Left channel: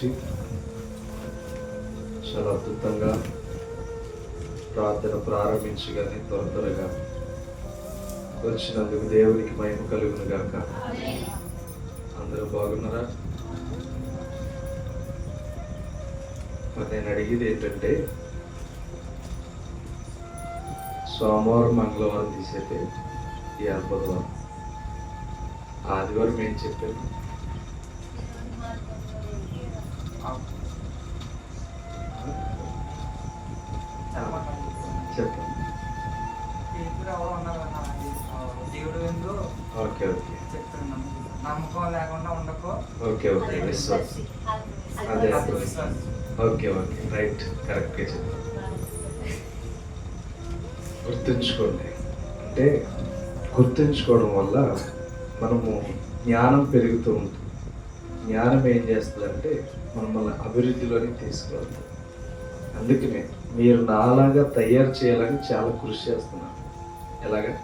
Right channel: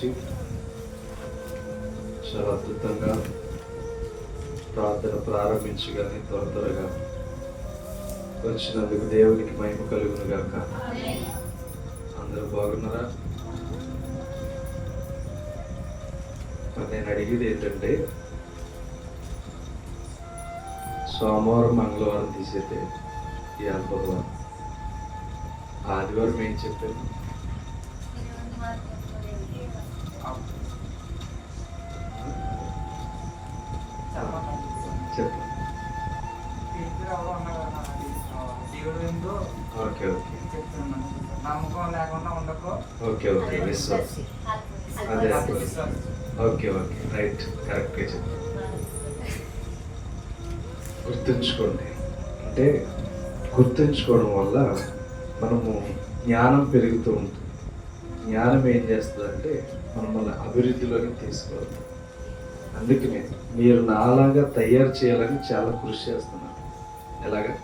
గురించి చాలా అద్భుతంగా ప్రార్థన ప్రారంభించగానే త్వరగా వచ్చినందుకు దేవునికి మహిమ కలుగును గాక. అందరూ బాగున్నారా? నేను అడిగేది ఏంటంటే, సోమవారం మంగళవారం తీసేతే ఈ బుధవారం ఆదివారం ఏం చెప్పారు? చెప్పండి. ఓకే ఓకే నమ్మకం లేకుండా ఉండకో. ఓకే ఓకే అదే ఓకే ఓకే రైట్, కరెక్ట్గా చెప్పండి. గుర్తుంచుకోండి, అంటే గుర్తుంచుకోవడం వల్ల మనము జ్ఞానం పెరుగుతూ ఉంటుంది. జ్ఞానం ఏం చేస్తుందంటే మనల్ని అభివృద్ధిలోకి తీసుకోవాలి. అందుకనే మీరు నాలాగా తయారు చేయాలని చాలా కృషి చేస్తున్నాను. ఎలాగా?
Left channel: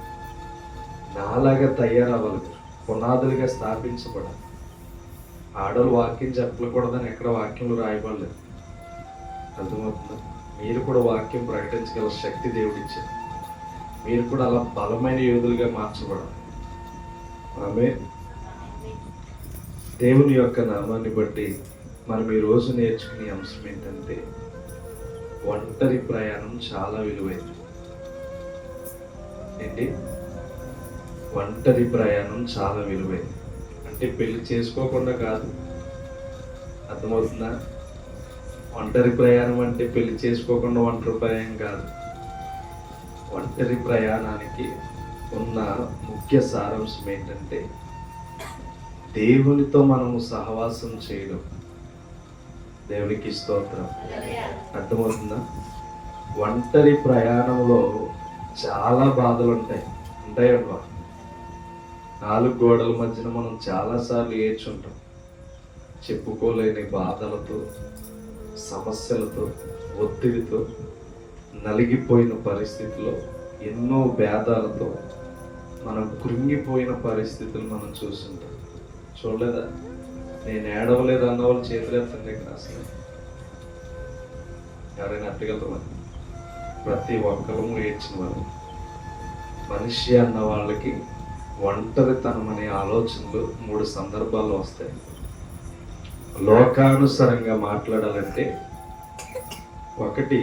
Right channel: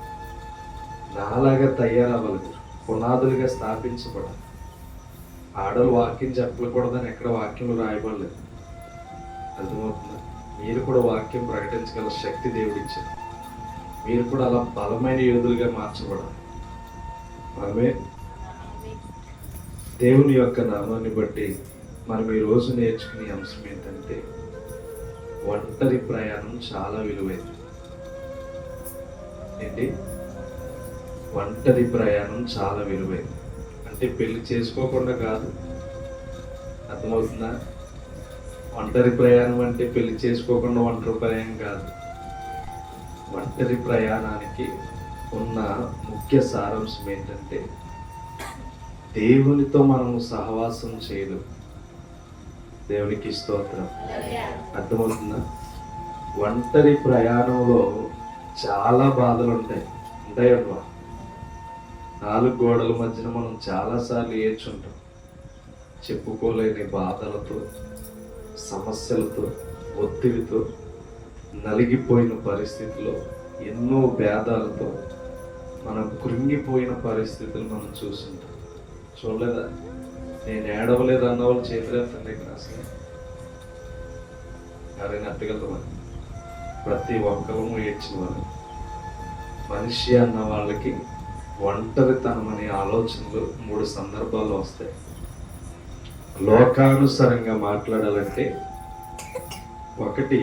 నాలాగా తయారవ్వాలి, పునాదులుగా స్థాపించబడాలి. ఆడలు వాక్యం చెప్పకూడదని ఎక్కడ వాక్యంలో రాయబడలేదు. అర్థమవుతుందా? మీరు కూడా వాక్యం ప్రకటించగల శక్తి దేవుడిచ్చారు. మీరు కూడా అలా బలమైన యోధులుగా మార్చబడాలి. ఆమె దేవుని యొక్క నామాన్ని బట్టి మనం ఈరోజు నేర్చుకునే అంశం ఏంటంటే, ఒంటరి ప్రయాణం చాలా విలువైంది. ఏంటి? ఒంటరి ప్రయాణం చాలా విలువైంది. అంటే పెళ్లి చేసుకోకుండా కాదు. అర్థమవుతుందా? ఒంటరి ప్రయాణం అంటే పెళ్లి చేసుకోకుండా ఒంటరి ప్రయాణం కాదు. ఒంటరి ప్రయాణానికి ఉన్న ముఖ్య సారాంశం ఏంటంటే, దేవునితో మనము సహవాసం చేయడం. దేవునికి స్తోత్రం. అర్థమవుతుందా? ఒంటరి ప్రయాణంలో చాలా బాధలు ఉంటాయి. ఉంటాయమ్మా. 4 గోడల మధ్యన మనం చాలాసార్లు ఏడ్చుంటాం. చెప్పుకోలేని బాధలతో, సమస్యలతో, ఒత్తిడితో, నలిగిపోయిన పరిస్థితుల్లో, ఎన్నో భేదాలతో మనం కృంగిపోయిన పరిస్థితులు మనం చూస్తుంటాం. చూడలేదా? నేను ఏడవలేదు అన్న వాళ్ళు చేతులెత్తండి అసలు. ఎవరైనా అట్టగలరు? ప్రతి ఒక్కరూ ఏడ్చిన వాళ్ళు. మనిషి అన్న వాళ్ళకి ఒంటరితనం అనే ఆలోచనలు 3 సందర్భాలు వస్తాయి. లోకానుసారంగా మాట్లాడాలంటే, 1,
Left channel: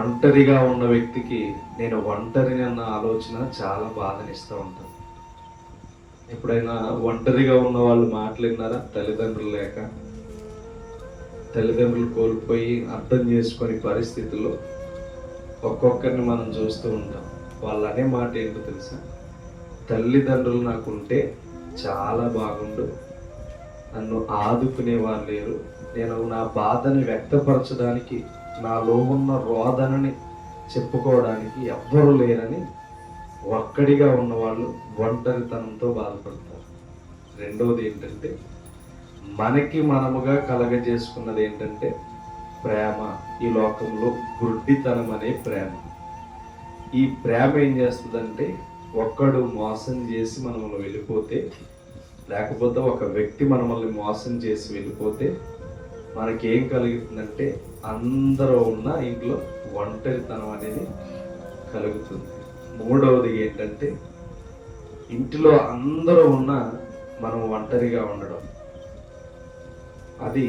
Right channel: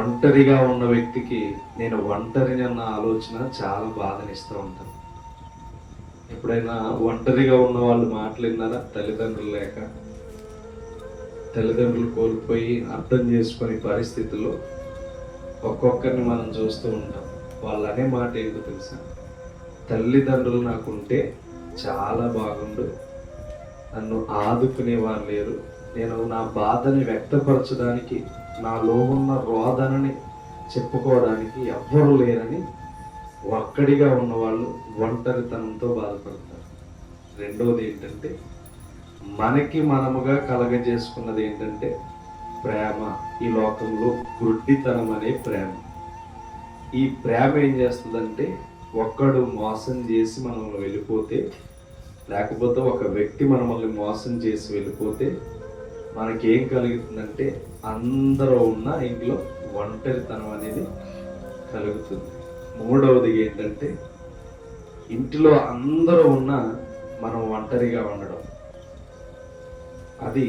ఒంటరిగా ఉన్న వ్యక్తికి నేను ఒంటరిని అన్న ఆలోచన చాలా బాధనిస్తూ ఉంటాను. ఎప్పుడైనా ఒంటరిగా ఉన్న వాళ్ళు మాట్లాడినారా? తల్లిదండ్రులు లేక, తల్లిదండ్రులు కోల్పోయి అర్థం చేసుకునే పరిస్థితుల్లో ఒక్కొక్కరిని మనం చూస్తూ ఉంటాం. వాళ్ళు అనే మాట ఏంటో తెలుసా? తల్లిదండ్రులు నాకుంటే చాలా బాగుండు, నన్ను ఆదుకునే వాళ్ళు లేరు, నేను నా బాధని వ్యక్తపరచడానికి, నాలో ఉన్న రోదనని చెప్పుకోవడానికి ఎవ్వరూ లేరని ఒక్కడిగా ఉన్నవాళ్ళు ఒంటరితనంతో బాధపడతారు. రెండవది ఏంటంటే, మనకి మనముగా కలగజేసుకున్నది ఏంటంటే ప్రేమ. ఈ లోకంలో గుడ్డితనం అనే ప్రేమ. ఈ ప్రేమ ఏం చేస్తుందంటే, ఒక్కడు మోసం చేసి మనల్ని వెళ్ళిపోతే, లేకపోతే ఒక వ్యక్తి మనల్ని మోసం చేసి వెళ్ళిపోతే మనకేం కలుగుతుందంటే, అందరూ ఉన్న ఇంట్లో ఒంటరితనం అనేది కలుగుతుంది. మూడవది ఏంటంటే, ఇంటిలో అందరూ ఉన్నా మనం ఒంటరిగా ఉండడం. అది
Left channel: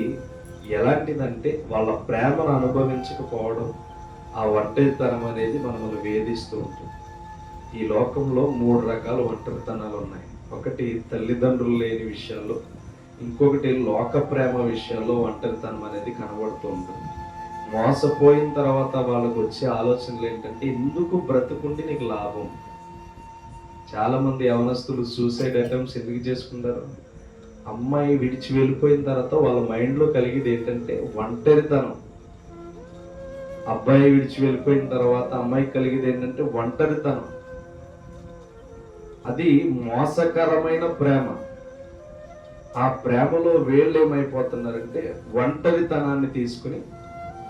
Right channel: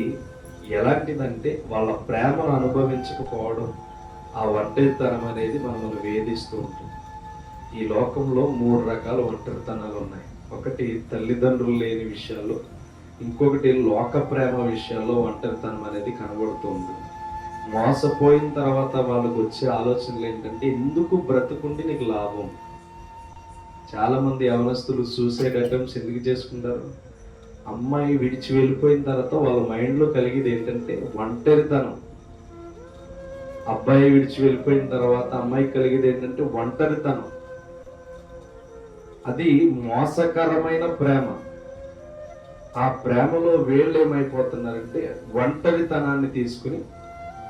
ఎలాంటిదంటే, వాళ్ళ ప్రేమను అనుభవించకపోవడం. ఆ ఒంటరితనం అనేది మనల్ని వేధిస్తూ ఉంటుంది. ఈ లోకంలో 3 రకాల ఒంటరితనాలు ఉన్నాయి. 1 తల్లిదండ్రులు లేని విషయాల్లో, ఇంకొకటి లోక ప్రేమ విషయాల్లో ఒంటరితనం అనేది కనబడుతూ ఉంటుంది. మోసపోయిన తర్వాత వాళ్ళకు వచ్చే ఆలోచనలు ఏంటంటే, ఎందుకు బ్రతుకుండి నీకు లాభం. చాలామంది యవనస్తులు సూసైడ్ అటెంప్ట్స్ ఎందుకు చేసుకుంటారు? అమ్మాయి విడిచి వెళ్ళిపోయిన తర్వాత వాళ్ళ మైండ్లో కలిగేది ఏంటంటే ఒంటరితనం. అబ్బాయి విడిచి వెళ్ళిపోయిన తర్వాత అమ్మాయి కలిగేది ఏంటంటే ఒంటరితనం. అది మోసకరమైన ప్రేమ. ఆ ప్రేమలో వీళ్ళు ఏమైపోతున్నారంటే, ఒంటరితనాన్ని తీసుకుని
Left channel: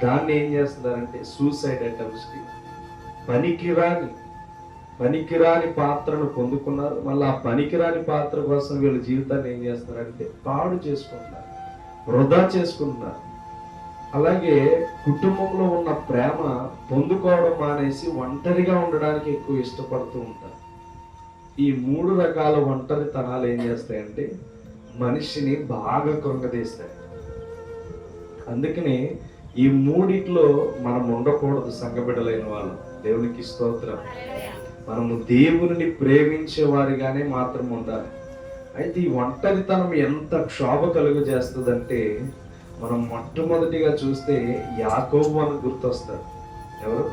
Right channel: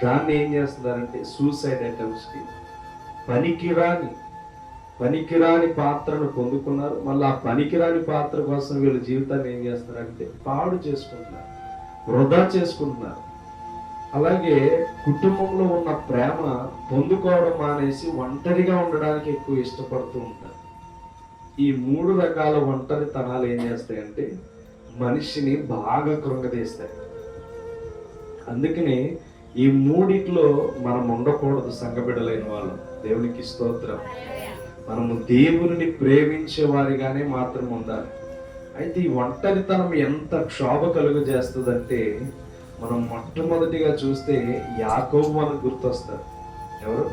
దాన్ని ఏం చేస్తున్నారంటే సూసైడ్ అటెంప్ట్స్కి, పనికిరాని పాత్రను పొందుకున్నారు. మళ్ళీ ఆ పనికిరాని పాత్ర కోసం వీళ్ళ జీవితాన్ని ఏం చేస్తున్నారంటే పాడు చేసుకుంటున్నారు. వృధా చేసుకుంటున్నారు. అలాగే కుటుంబంలో ఉన్న ప్రేమ పొందుకోవడం మానేసి ఒంటరిగా ఉండడానికి ఎక్కువ ఇష్టపడుతూ ఉంటారు. ఈ 3 రకాల ఒంటరితనాలు ఏం చేస్తాయంటే మనిషిని బాగా కృంగదీస్తాయి. అందుకని ఈ మూడిట్లో మనం ఉండకూడదు. సంఘబిడ్డలైన వాళ్ళు, దేవునికి స్తోత్రం. మనము దేవుని ప్రేమించే వారిగానే మాత్రం ఉండాలి. అయితే ఈ ఒంటరితనం ఎంత క్షోభ కలుగు చేస్తుందంటే మనం మొట్టమొదటిగా చూస్తే యాకోబు అని గుర్తొస్తాడు. ఎవరు?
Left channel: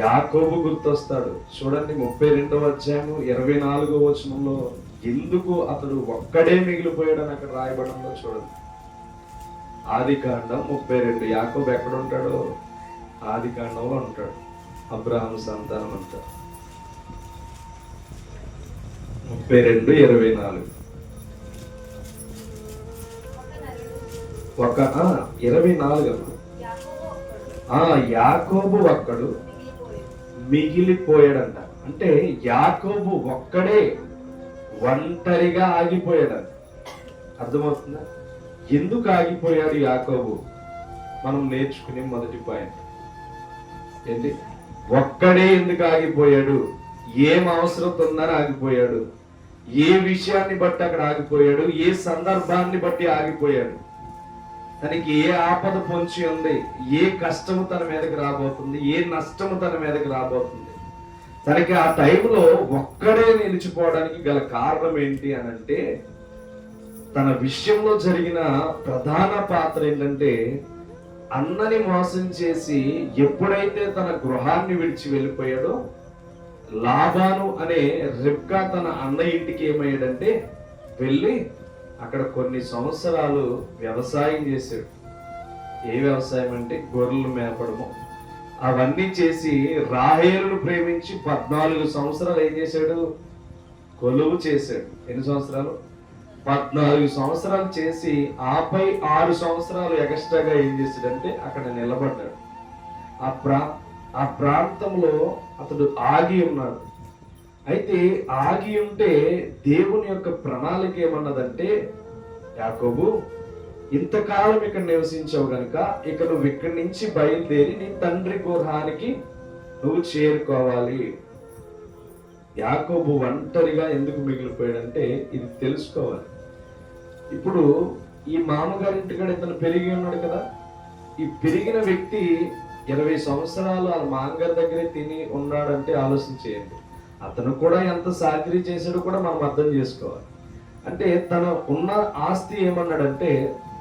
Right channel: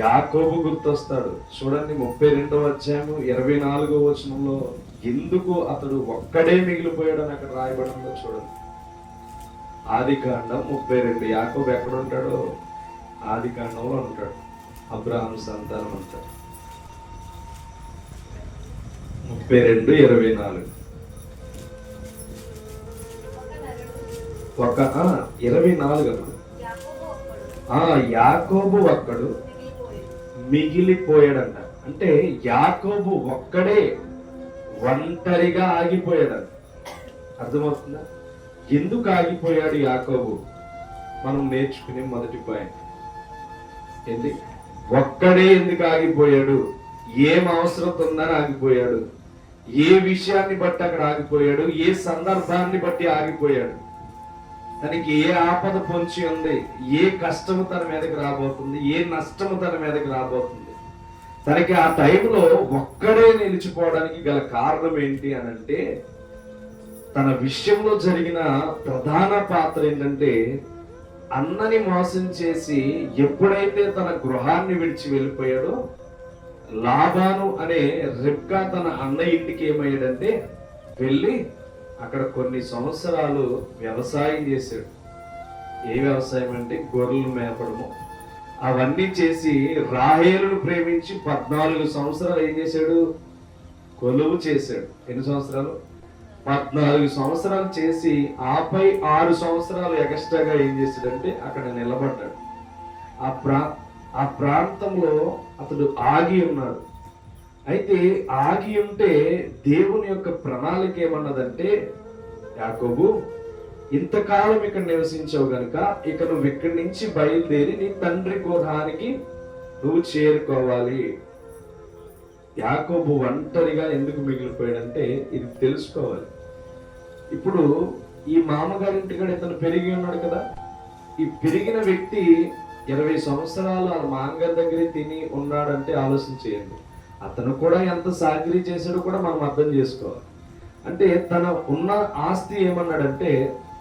యాకోబు గుర్తొస్తాడు. చూడండి 32వ అధ్యాయం 24వ వచనంలో ఎందుకు అతడు ఒక్కడే మిగిలిపోయాడని అక్కడ రాయబడిందో చూడండి. ఆదికాండం 32. యాకోబు ఎక్కడ ఉంటాడో ఆదికాండంలో ఉంటాడు. అబ్రహాము సంతానం అంటాడు. 32:24. 24. యాకోబు ఒక్కడు మిగిలిపోయాడంట. అంటే యాకోబు ఒక్కడే ఒంటరిగా ఆగిపోయాడంట. అర్థమవుతుందా? ఎందుకు ఆగిపోయాడు యాకోబు? మనం నేర్చుకునే మొదటి పాయింట్ ఏంటి? ఒక్కడే ఎందుకు ఆగిపోయాడు? ఏం అవసరం ఉందని ఆగిపోయాడు? ఏ విషయాన్ని బట్టి అక్కడ ఆగిపోయాడు? ఏ సందర్భాన్ని బట్టి ఆగిపోయాడు? తనకి ఏ ఆపద పొంచి ఉంది? ఏ కష్టము తన మీదకి రాబోతుంది? ఏ నష్టము తన మీదకి రాబోతుంది? తనకి ఆ టైంలో ఒక్కడే నిలిచిపోవడానికి గల కారణం ఏంటి అని అంటే, తన విషయంలో జరిగిన ప్రధాన పాత్ర ఏంటంటే, అన్నని మోసం చేసి ఎప్పుడైతే తన గృహాన్ని విడిచి వెళ్ళిపోయాడో, లాబాను అనే రిబ్కా తన అన్న ఇంటికి ఏమయ్యాడంటే వెళ్ళి అక్కడ కొన్ని సంవత్సరాలు వ్యవసాయం చేశాడు. ఏ వ్యవసాయం అంటే గొర్రెలు మేపడము, అవన్నీ చేసి రాహేలును ప్రేమించి 14 సంవత్సరాలు ఏం చేశాడు? కొలువు చేశాడు. ఎన్ని సంవత్సరాలు? 14 సంవత్సరాలు చేసి ఆపై 6 సంవత్సరాలు ఎక్స్ట్రాగా ఏం చేశాడంటే అక్కడ నిలబడ్డాడు. ఆ ప్రాంతంలో అతడు ఆగి ఉన్నాడు. అయితే ఆగి ఉంటే దేవుని యొక్క ప్రణాళిక ఏమన్నదంటే, యాకోబు ఇంతకాలం ఇక్కడ నివసించావు గనుక ఇక నువ్వు ఇక్కడి నుంచి బయలుదేరి నీ తండ్రి గృహానికి నువ్వు చేరుకోవాలి. యాకోబు ఒంటరిగా ఎందుకు మిగిలిపోయాడంటే ఇది తెలుసుకోవాలి. ఇప్పుడు ఈ మామగారింటికాడ ఇతను పెరిగి ఉన్నాడు కదా. ఈ పెరిగిన వ్యక్తి 20 సంవత్సరాలు ఆ మామగారి దగ్గరే తిని ఉన్నాడంటే ఆలోచించేయండి. అతను కూడా ఎంత సాగిరి చేశాడో కూడా మనం అర్థం చేసుకోవాలి. అంటే తన ఉన్న ఆస్తి ఏమన్నాడంటే,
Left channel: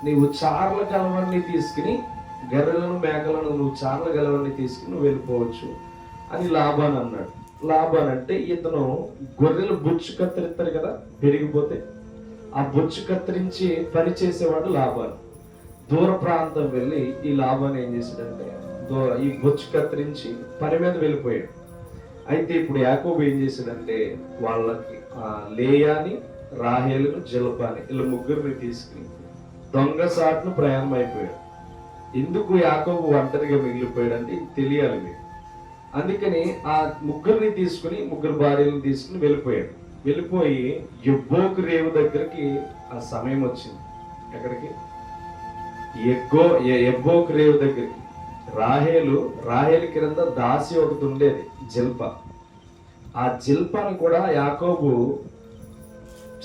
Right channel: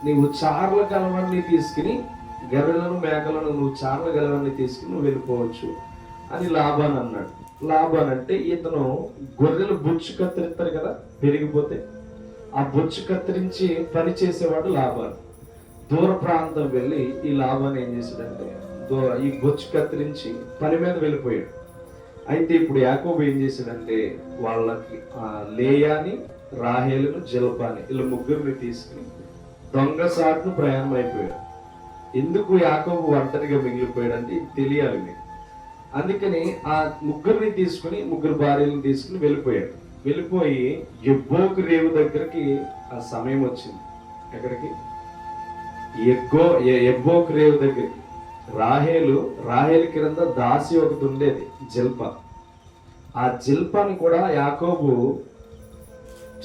నీవు చార్ల గలవన్నీ తీసుకుని గర్రెలను మేకలను నువ్వు చార్ల గలవన్నీ తీసుకుని నువ్వు వెళ్ళిపోవచ్చు అని లాబాన్ అన్నాడు. లాబాన్ అంటే ఇతను గొర్రెలు బొచ్చు కత్తిరిస్తారు కదా పెరిగిపోతే, ఆ బొచ్చు కత్తిరించి పని చేసేవాడు లాబాన్. దూర ప్రాంతం వెళ్ళి ఈ లాబాన్ ఏం చేశాడంటే ఈ బొచ్చు కత్తిరించి పని మీద వెళ్ళిపోయాడు. అయితే ఇప్పుడు యాకోబు ఏం చేశాడంటే వాళ్ళకి లేయాని, రాహేలును, జిల్పాని వీళ్ళ ముగ్గురిని తీసుకుని దొంగ సాటును ప్రయాణం అయిపోయాడు. ఎందుకు యాకోబు ఒంటరిగా మిగిలిపోయాడంటే ఇది తెలియాలి మీకు. అందుకని ఆ ముగ్గురిని తీసుకుని, ముగ్గురు భార్యలను తీసుకుని వెళ్ళిపోయాడు. వెళ్ళిపోయి యబ్బోకు రేవు దగ్గరికి ఆ సమయం వచ్చింది. ఎక్కడికి? యబ్బోకు రేవు దగ్గరికి. రాహేలు క్రింద దాసి ఒకటి ఉండేది, జిల్ప. ఆ జిల్పని కూడా యాకోబు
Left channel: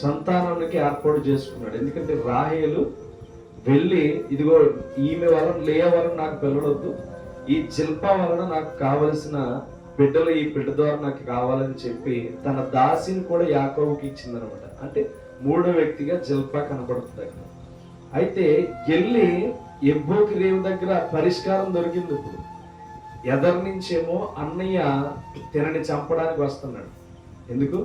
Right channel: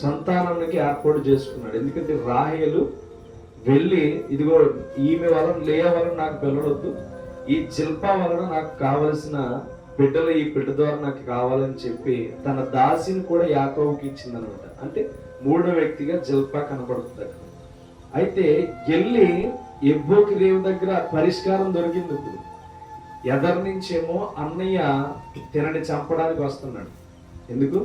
సంతానానికి ఏర్పాటు చేసుకున్నాడు. ఎందుకంటే రాహేలు వెళ్ళి ఇదిగో ఈమె వలన, లేయా వలన నాకు పిల్లడొద్దు, ఈ జిల్ప వలన నాకు కావలసిన బిడ్డలు ఈ బిడ్డ ద్వారా నాకు కావాలని చెప్పి తన దాసిని కూడా యాకోబుకి ఇచ్చిందనమాట. అంటే 3వ వ్యక్తిగా జిల్ప కనబడుతుంది. అయితే వెళ్ళి యబ్బోకు రేవు దగ్గర పరిష్కారం దొరికింది. ఇప్పుడు ఎదరి నుంచేమో అన్నయ్య తినని చంపడానికి వస్తున్నాడు. ఎందుకు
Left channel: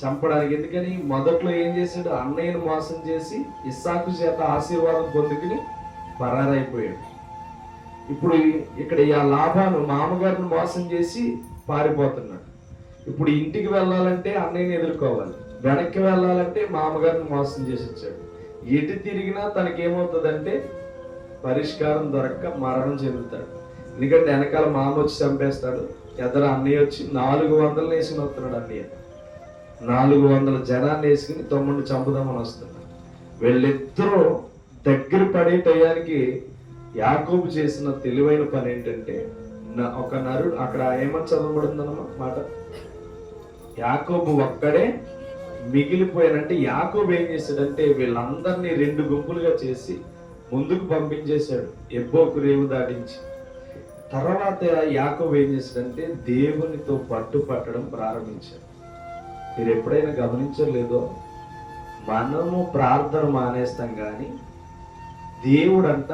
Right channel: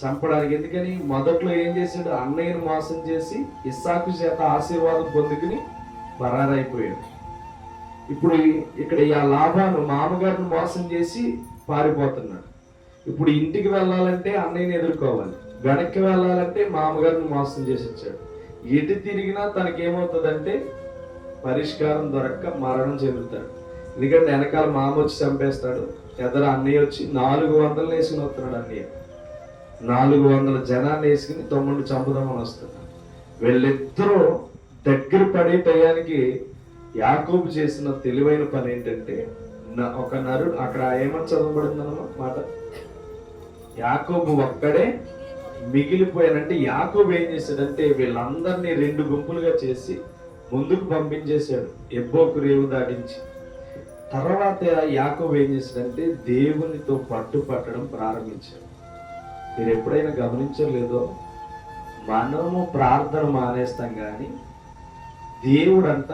చంపడానికి? ఎందుకని? మొదట్లో ఏం చేశాడు? అన్నయ్యను మోసం చేసి ఇస్సాకు చేత ఆశీర్వాదం పొందుకుని పరారైపోయాడు. ఇప్పుడు ఇక్కడ ఆ లాభాను మామగారిని మోసం చేసి పారిపోతున్నాడు. ఇప్పుడు ఇంటికి వెళ్ళాలంటే అన్నయ్యని ఎదుర్కోవాలి, వెనక్కి వెళ్ళాలంటే మామగారిని మోసం చేసి వచ్చాడు. ఎటు తిరిగినా తనకేమవుతుందంటే పరిష్కారం దొరక్క మరణం చెందుతాడు. ఎందుకంటే వెనకాల మామ వచ్చి చంపేస్తాడు, ఎదర అన్నయ్య వచ్చి 400 వేసుకుని వస్తున్నాడు. అన్నయ్య 400 జనాన్ని వేసుకుని తమ్ముడిని చంపుదామని వస్తున్నాడు. వీళ్ళిద్దరూ దగ్గర పడే టయానికి యాకోబు చేసిన తెలివైన పని ఏంటంటే, ఒక నరుడు అక్కడ ఏమని చదవబడిందన్నమాట మాట, యాకోబు ఒక్కడే మిగిలిపోయానంటే యాకోబు ఏం చేశాడంటే వీళ్ళందరినీ 2 గుంపులుగా చేసి ముందుకు పంపించేశాడు, ఎబ్బోకు రేవు దాటించి. తర్వాత యాకోబు ఏం చేశాడంటే దేవునితో పట్టడం ప్రారంభించాడు. మీరు ఎప్పుడైనా గమనించలేదో, మనము ప్రార్థన మానేస్తాం కానీ దేవుడంట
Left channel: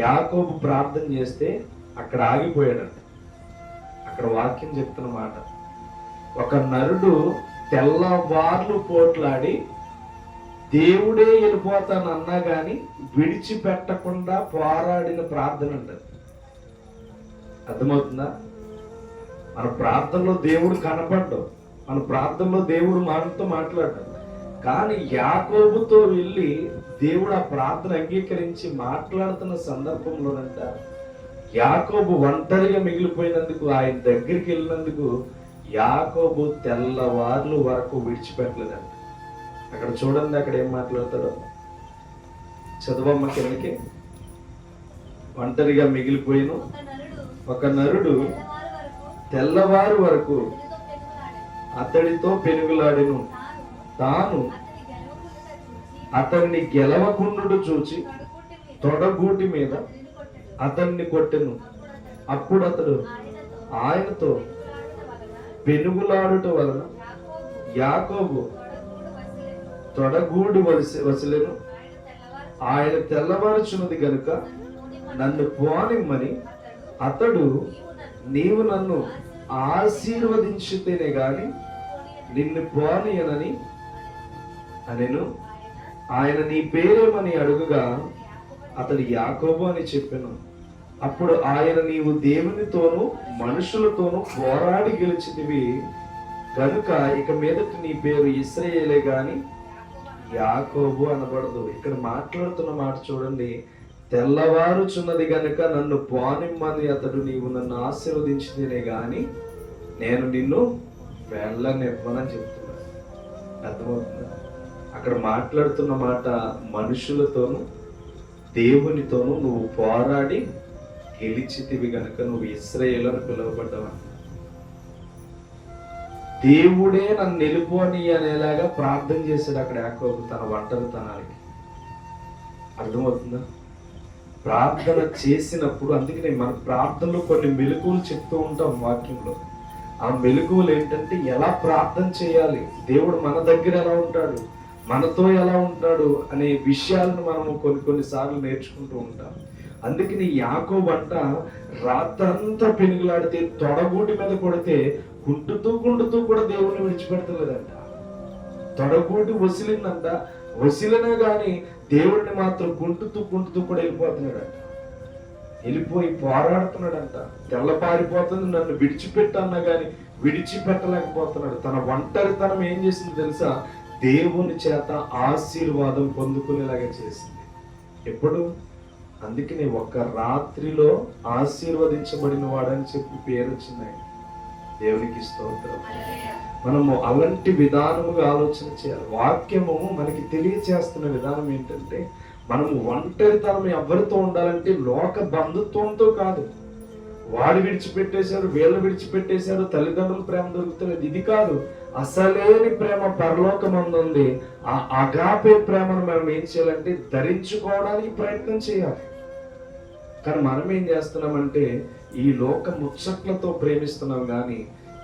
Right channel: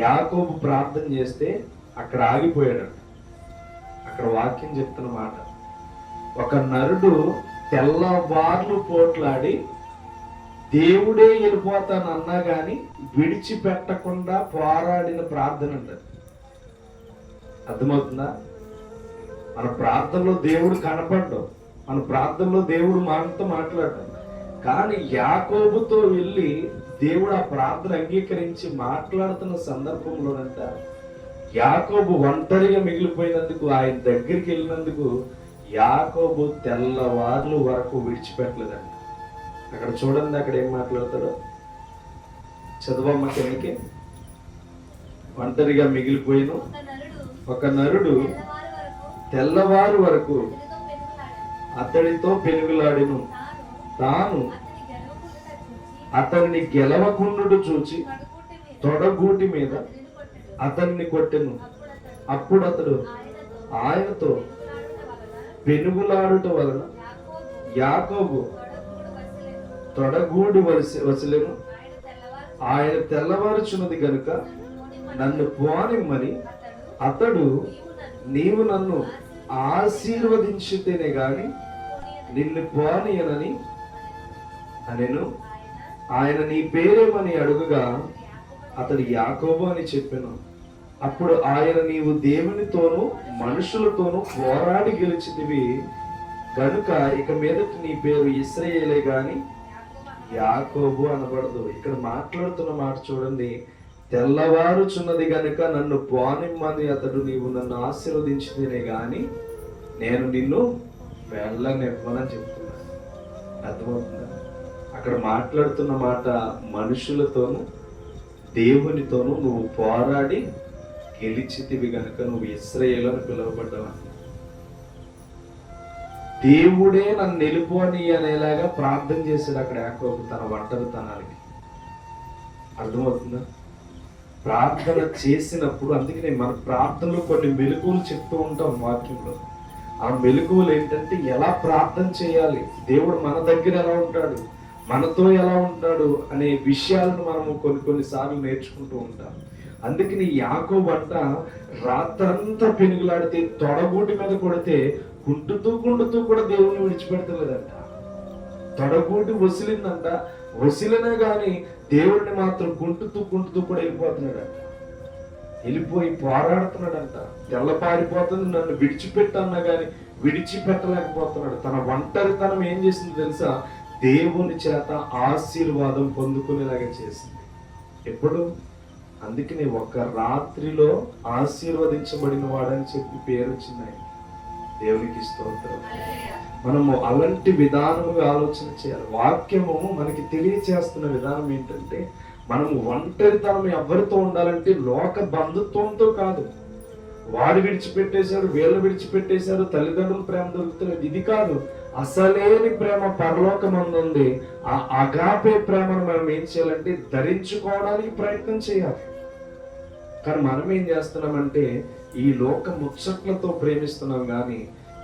యాకోబు ప్రార్థన చేస్తే అక్కడ ఆగిపోయాడంట. అక్కడ వాక్యం చెప్తున్న మాట, ఒక నరుడు తెల్లవార్లు పోట్లాడి దేవుడే వెళ్ళిపోతానన్నా కానీ విడిచిపెట్టకుండా పోరాడిన ప్రార్థన అంటారు. అర్థమవుతుందా? మన ప్రార్థనలో దేవుడు కనపడ్డావు, మన ప్రార్థనలో దేవుడు మనతో మాట్లాడాడు. కానీ యాకోబుతో వెళ్ళి దేవుడు ఆ ప్రార్థన అంగీకరించి మాట్లాడుతున్న సందర్భంలోనంట యాకోబు ఒంటరిగా మిగిలిపోయినందుకు, ఆయన దగ్గరికి వెళ్ళినందుకు యాకోబు తెల్లవార్లు వరకు విడిచిపెట్టలేదంట. అక్కడ చూడండి, అక్కడ ఏం మాట్లాడతాడో చదవమ్మ కిందకి. ఒంటరిగా మిగిలిపోయిన ఒక నరుడు తెల్లవారు వరకు అతడితో పెనుగులాడెను, తాను అతన్ని గెలవకుండుట చూచి తొడగూటి మీద అతన్ని కొట్టెను. అప్పుడు అతడు ఆయనతో పెనుగులాడుట వలన యాకోబు తొడగూడి వసలేను. ఆయన తెల్లవారుచున్నది గనుక నన్ను పోనిమ్మని అతడు, నీవు నన్ను ఆశీర్వదించితేనే గాని నిన్ను పోనీయనని అనెను. ఆయన నీ పేరేమని అడుగుగా అతడు యాకోబు అని చెప్పెను. అప్పుడు ఆయన, నీవు దేవునితోనూ మనుషులతోనూ పోరాడి గెలిచితివి గనుక ఇక మీదట నీ పేరు ఇశ్రాయేలే గాని యాకోబు అనబడదు. ఇక్కడ మాట్లాడుతున్న మాట చూడండి, తెల్లవారుచున్నది గనుక నన్ను పోనిమ్మని అతడు, నీవు నన్ను ఆశీర్వదించితేనే గాని నేను నిన్ను వెళ్ళనివ్వనని చెప్తున్నా. అర్థమవుతుందా? అక్కడ మాట్లాడుతున్న మాట మనుషులతోనూ దేవునితోనూ నువ్వు పోరాడి గెలిచితివి గనుక నువ్వు ఇశ్రాయేలు అని పిలువబడ్డావు. దేవుడే నన్ను నిలుపోని అనేలాగా ప్రార్థన చేశాడు అక్కడ యాకోబు తన ఒంటరితనానికి. అర్థమవుతుందా? ప్రార్థన చేసినప్పుడు, అందుకనే మన ప్రార్థనలో కొన్ని మెలకువలు చెప్తూ ఉంటాం వాక్యంలో. ఆ మెలకువలు ఏంటంటే ఎలా ప్రార్థన చేయాలి, దేవుడు మన దగ్గర ఎలా ఉంటాడు, మనతో ఎలా ఉంటాడు అనే విషయాలను మనం కొన్నిసార్లు నేర్చుకుంటూ ఉంటాం. అందుకని యాకోబు అంట రాత్రంతా పెనుగులాడితే తొడగూటి మీద కొడితే కుంటుతూ కూడా దేవుని విడిచిపెడతలేదంట. తొడగూటి వసిలిందంట, వసిలినా గాని దేవుడిని మాత్రం కుంటుతూ కూడా వెళ్ళిపోతున్నాడంట. వెళ్ళిపోయి పోరాడుతున్నాడంట. తెల్లపారిపోతుంది, నన్ను విడిచిపెట్టన్నా గాని విడిచిపెట్టలేకపోతున్నాడు. తన ఒంటరితనం ఏం చేసింది తెలుసా? దేవుని చేత ఆశీర్వాదం పొందుకునేలాగా చేసింది. ఎప్పుడు? అందుకని ఒక రాత్రిలో ఆశీర్వదించబడిన వాడని చెప్పి పేరు వచ్చింది. దేవునికి స్తోత్రం. మనము అలాంటి విధానముగా ఆలోచన చేయాలి. వాక్యము మనకి తెలియచేస్తున్న విధానం ఏంటంటే, మనము ఒంటరితనం ఎవరితో ఉండాలంటే లోక బంధుత్వంతో కాదు. వాడు విడిచిపెట్టేశారు, వీళ్ళు విడిచిపెట్టేశారు, తల్లిదండ్రుల ప్రేమ దొరుకుతుంది, ఇది కాదు. అసలేని ప్రేమ పరలోకమందు ఉంది. ఆ అగాపే ప్రేమను మనం ఏం చేయాలంటే ధరించుకోవడానికి ప్రయత్నం చేయాలి. కానీ మనం ఏం చేస్తున్నామంటే ఈ లోక ముచ్చట్లతో ప్రేమిస్తున్నాం. కానీ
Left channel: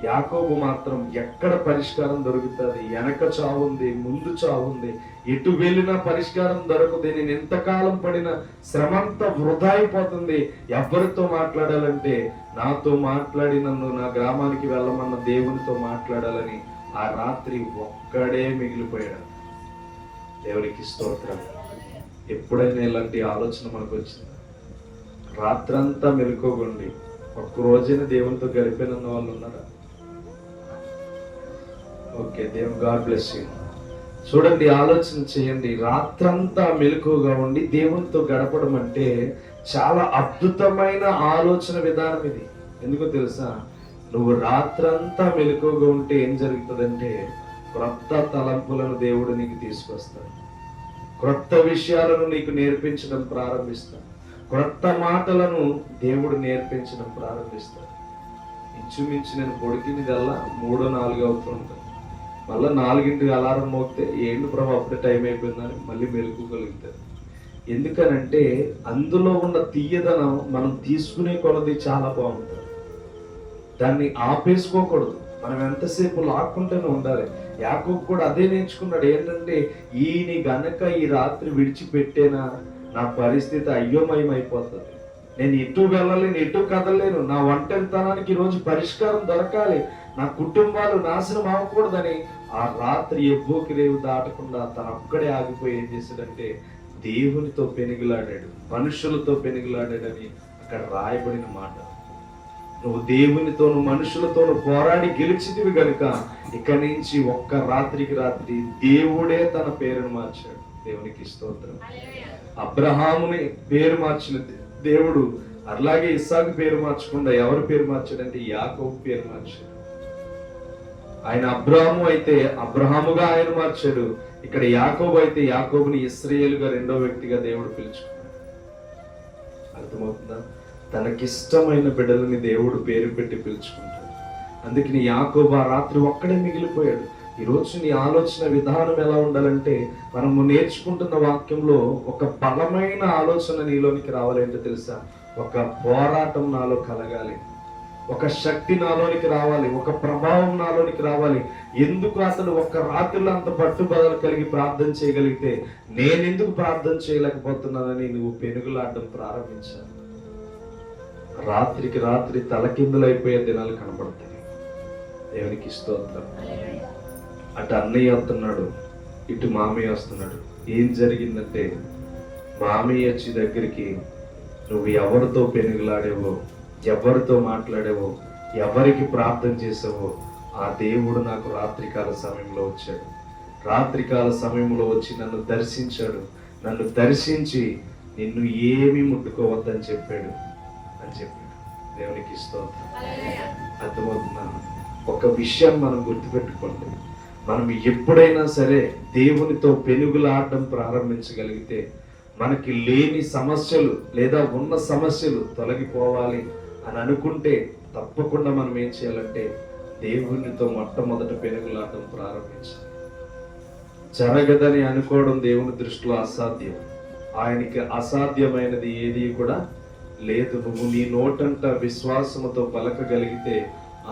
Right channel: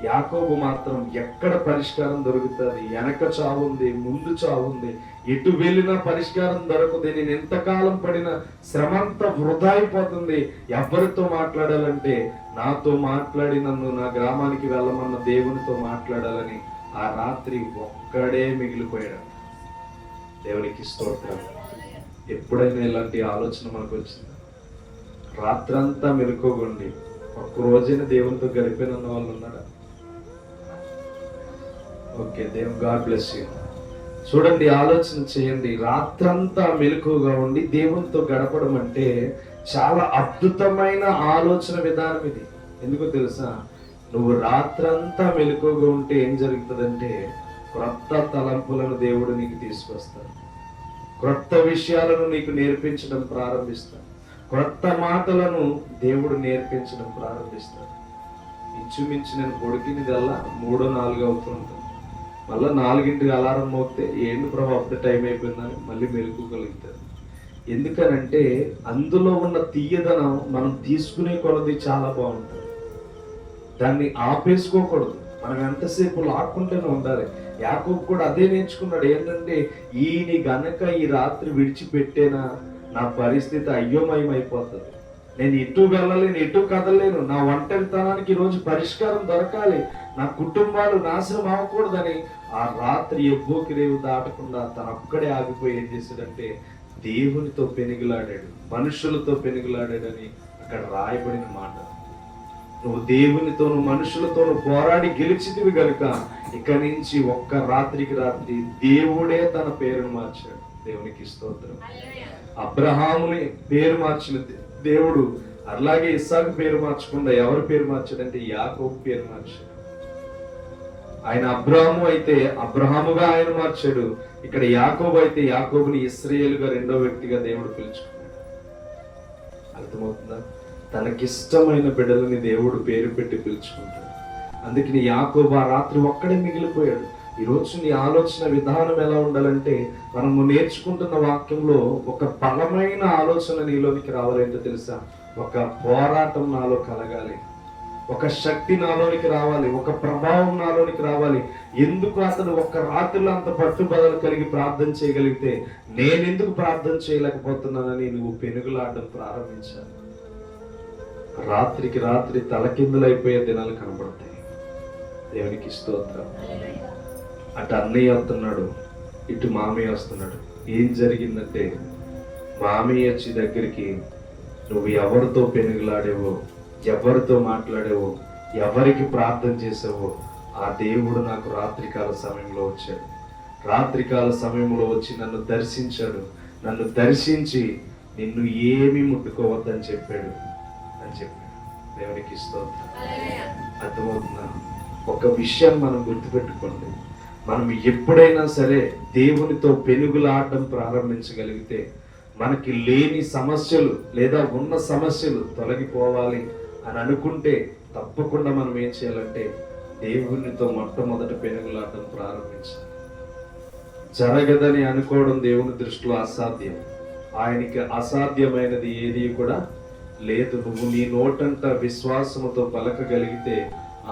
యాకోబు మాత్రం ఎక్కడ పరిష్కారం దొరుకుతుంది, వెనక చావుంది, ముందు చావుంది, ఎటు వెళ్ళినా పరిష్కారం దొరకదు, నేను ఎంతకాలం పడిన శ్రమంతా వృధా అయిపోతుంది, ఎవరితో మాట్లాడాలంటే నాతో మాట్లాడి నన్ను నా గ్రామానికి వెళ్ళమన్న దేవునితో మాట్లాడాలని ఆ రాత్రి ఒక్కడే మిగిలిపోయాడు. దేవునికి స్తోత్రం. ఎప్పుడైనా ఇలాంటి ఆలోచన మనకు వచ్చింది? రాత్రంతా మెలుకోకండి, ఒక్క రోజున దేవునితో గడిపిన వాళ్ళు ఉన్నారా? ఓకే, దేవుని గాడ్ బ్లెస్ యూ. చూడండి, ఆలోచన చేయండి. రాత్రంతా మెలకువగా ఉండి దేవునితో గడపడం అంటే చాలా అద్భుతమైన ఆలోచన విధానం ఇది. ఎందుకో తెలుసా? నువ్వు రాత్రంతా మెలకువగా ఉంటే ఏం జరుగుతుందంటే క్రొత్త తలంపులను దేవుడు నీకు తీసుకొస్తాడు. క్రొత్త విషయాలను నీకు నేర్పించడం ప్రారంభిస్తాడు. క్రొత్త మాటలను దేవుడు నేర్పించడం ప్రారంభిస్తాడు. ఇంచుమించు నేను పొడికినదల్లా 3-4 అవుతూ ఉంటాను. మళ్ళీ 4ంటికి అలారం మోగితే ఏంటి ప్రభు అప్పుడే టైం అయిపోయిందని మళ్ళీ మెలుకోగలుగుతారు. ఎందుకనంటే అందులో ఉన్న తీయదనం మనం తీసుకునే కొలది చాలా బాగుంటుంది. దాన్ని ఆపేసుకోకూడదు. మనం ఎంతసేపు లాక్కుంటూనే ఉండాలి. యాకోబు కూడా అదే నేర్చుకున్నాడు. ఏంటంటే ఈయన గనక ఈ రాత్రి విడిచిపెట్టేనా నా పరిస్థితి అయ్యోమయం అయిపోతుంది. నేను ఎటు వెళ్ళలేను, ఎటు కదలలేను. నా ఒంటరితనానికి ఈరోజు పరిష్కారం దొరకాలి. నా కుటుంబాలు నాశనం అవ్వకూడదని ఆ రాత్రి ఎవ్వోకి రేవు దాటకుండా తన ఒక్కడే ఆగిపోయి ఏం చేశాడంటే దేవునితో పెనుగులాడాడు, మనుషులతో పెనుగులాడాడని అక్కడ రాయబడిన మాట. నువ్వు దేవునితోను మనుషులతోను పోరాడి గెలిచితివి కనుక ఇక్కడి నుంచి ఒక్క రాత్రికి రాత్రి దేవుడే తన పేరును మార్చాడు. దేవునికి స్తోత్రం. అబ్రహాముని పేరు మార్చిన దేవుడు అలాగే ఇస్సాకు పేరు మార్చకుండా ఎవరు పేరు మార్చాడంటే యాకోబు పేరు మార్చాడు. ఆయన అబ్రహాము అయితే అబ్రహాముగా ఆయన మార్చాడు. ఇక్కడ యాకోబు అయితే యాకోబుని ఇశ్రాయేలుగా రెండో వ్యక్తిగా దేవుడు పిలుచుకున్నాడు. అర్థమవుతుందా? తనకిష్టమైన బిడ్డలని దేవుడు పేరు పెట్టి పిలుచుకుంటాడు. అందుకని యాకోబు ఆ రాత్రి ఒక్కడే మిగిలిపోయాడు. ఈరోజు నీ ఆలోచన విధానం ఎలా ఉండాలంటే మనము నేర్చుకుంటున్న వాక్యంలో ఒక బలమైన ఆలోచన నీలోనికి రావాలంటే తెలుసా? ఒక పోరాటం నాలో కలగాలి, ఒక శక్తి నాలోనికి రావాలి, ఒక ప్రభావం నాలోనికి రావాలి. ఎందుకు అతను ఒక్క రాత్రిలో అంత పట్టుబదలు కలిగి ప్రార్థన చేయగలిగితే నేనెందుకు ప్రార్థన చేయలేకపోతున్నానని నువ్వు పెనుగులాడడం ప్రారంభించాను. రాత్రికి రాత్రి తలకిందులైపోయే దినాలు కనబడతాయి. దేవునికి స్తోత్రం. అటు అన్నయ్య వస్తున్నాడు, ఇటు మామయ్య వస్తున్నాడు. ఏం జరిగిందంటే మామయ్య వచ్చి దగ్గరికి నువ్వు ఎవరితో పెనుగులాడేవో, ఎవరితో మాట్లాడేవో, ఎవరికి ప్రార్థన చేసావో ఆ దేవుడు నాకు రాత్రికాల సమయంలో వచ్చాడు. రాత్రికాల సమయంలో వచ్చి నన్ను దర్శించాడు. నన్ను దర్శించి నిన్ను ఏమీ ముట్టుకోవద్దని చెప్పాడు అని చెప్పాడు. దేవునికి స్తోత్రం. అర్థమవుతున్నాను. ఒక విషయం మనం గుర్తుపెట్టుకోండి. మనం ఎప్పుడైనా సరే దేవునితో పెనుగులాడడం ప్రారంభించగలిగితే మనకి లేని సమస్యలు లేదా ఉన్న సమస్యలు తొలగిపోవాలి అని అనుకుంటే తప్పకుండా మనం ఏం చేయాలంటే దేవునితో మొట్టమొదట పెనుగులాడడం ప్రారంభించాలి. జరగదని అనుకోవడం దేవుని దృష్టిలో అసాధ్యం. ఆయనకి అసాధ్యమైనది ఏది కూడా లేదు. నువ్వు నీ నోటంట విశ్వాసముతో పలకగలిగితే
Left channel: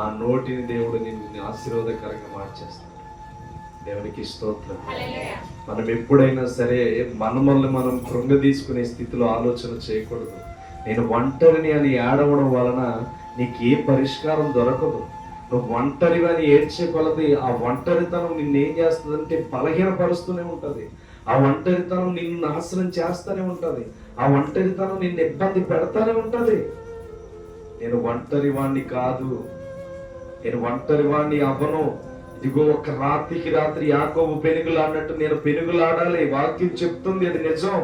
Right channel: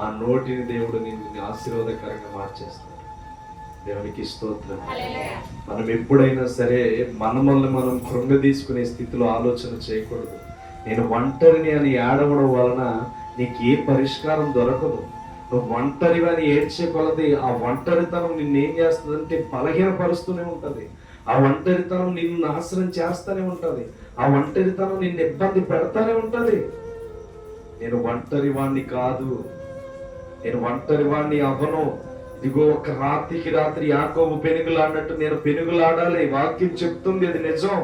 ఆ నోటిని దేవుడు నిన్ను ఆశీర్వాదకరంగా మార్చేస్తాడు. దేవునికి స్తోత్రం. మనం ఎప్పుడైనా సరే మనల్ని మనం కృంగదీసుకునే స్థితిలో ఆలోచన చేయకూడదు. నేను ఒంటరిని అని ఏడవడం వలన నీకు ఏ పరిష్కారం దొరకదు. నువ్వు ఒంటరిగా అని ఏడ్చే కొలది ఆ ఒంటరితనం నిన్నేం చేస్తుందంటే బలహీనపరుస్తూనే ఉంటుంది. ఆ ఒంటరితనం నిన్ను నాశనం చేస్తూనే ఉంటుంది. ఆ ఒంటరితనం నిన్ను ఇబ్బంది పెడతానే ఉంటుంది. నేను ఒంటరి వాణ్ణి కాదు, నేను ఒంటరి వాణ్ణి అవ్వను. ఇదిగో ఒక రాత్రికి రాత్రి యాకోబు పెనుగులాడినట్టు నేను పెనుగులాడాలి. వాక్యం చెప్తుంది అది నిజం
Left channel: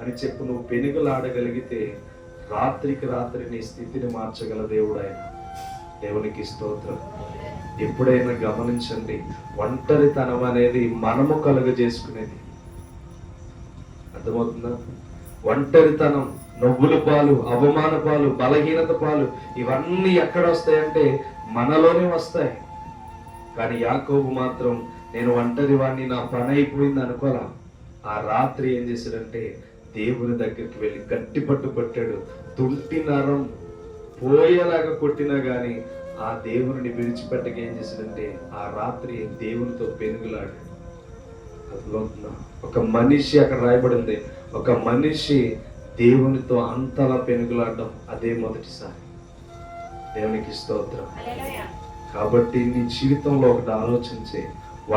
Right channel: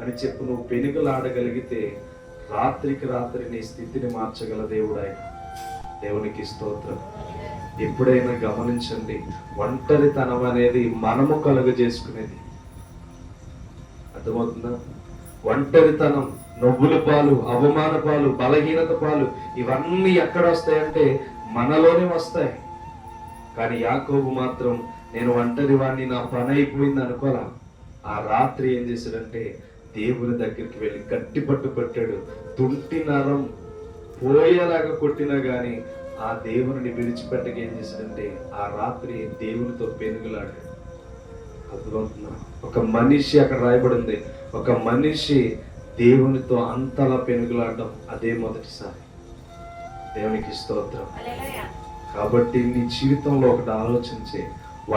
అని చెప్పు. నువ్వు పెనుగులాడగలిగితే రాత్రికి రాత్రి నీ స్థితిని మార్చగల దేవుడు ఆయన. దేవునికి స్తోత్రం. ఎప్పుడైనా గమనించండి, ఒంటరితనం అనేది మనము కలుగజేసుకునేది. అర్థమవుతుందా? ఒంటరితనం, నవ్వుల పాలు, అవమాన పాలు, బలహీనత పాలు ఇవన్నీ ఎక్కడ వస్తాయంటే మనలోనే వస్తాయి. కానీ యాకోబు మాత్రం నేను ఒంటరి వాడిని, నా పని అయిపోయింది అనుకోరా. ఆ రాత్రి ఏం చేశాడంటే దేవుని దగ్గరికి వెళ్ళి గట్టి పట్టు కొట్టాడు. తుంటి నరం పోయేలాగా కొట్టినా గాని ఆ దేవుని విడిచిపెట్టక ఏం చేశాడంటే ఆ రాత్రి దేవునితో పెనుగులాడాడు. అర్థమవుతుందా? ఒక మనిషి అక్కడ రాయబడింది, ఒక మనిషి దేవునితో అంతలా పెనుగులాడడం అదే మొదటిసారి. దేవునికి స్తోత్రం. కాబట్టి నీ జీవితంలో ఒకటి ఆలోచించే,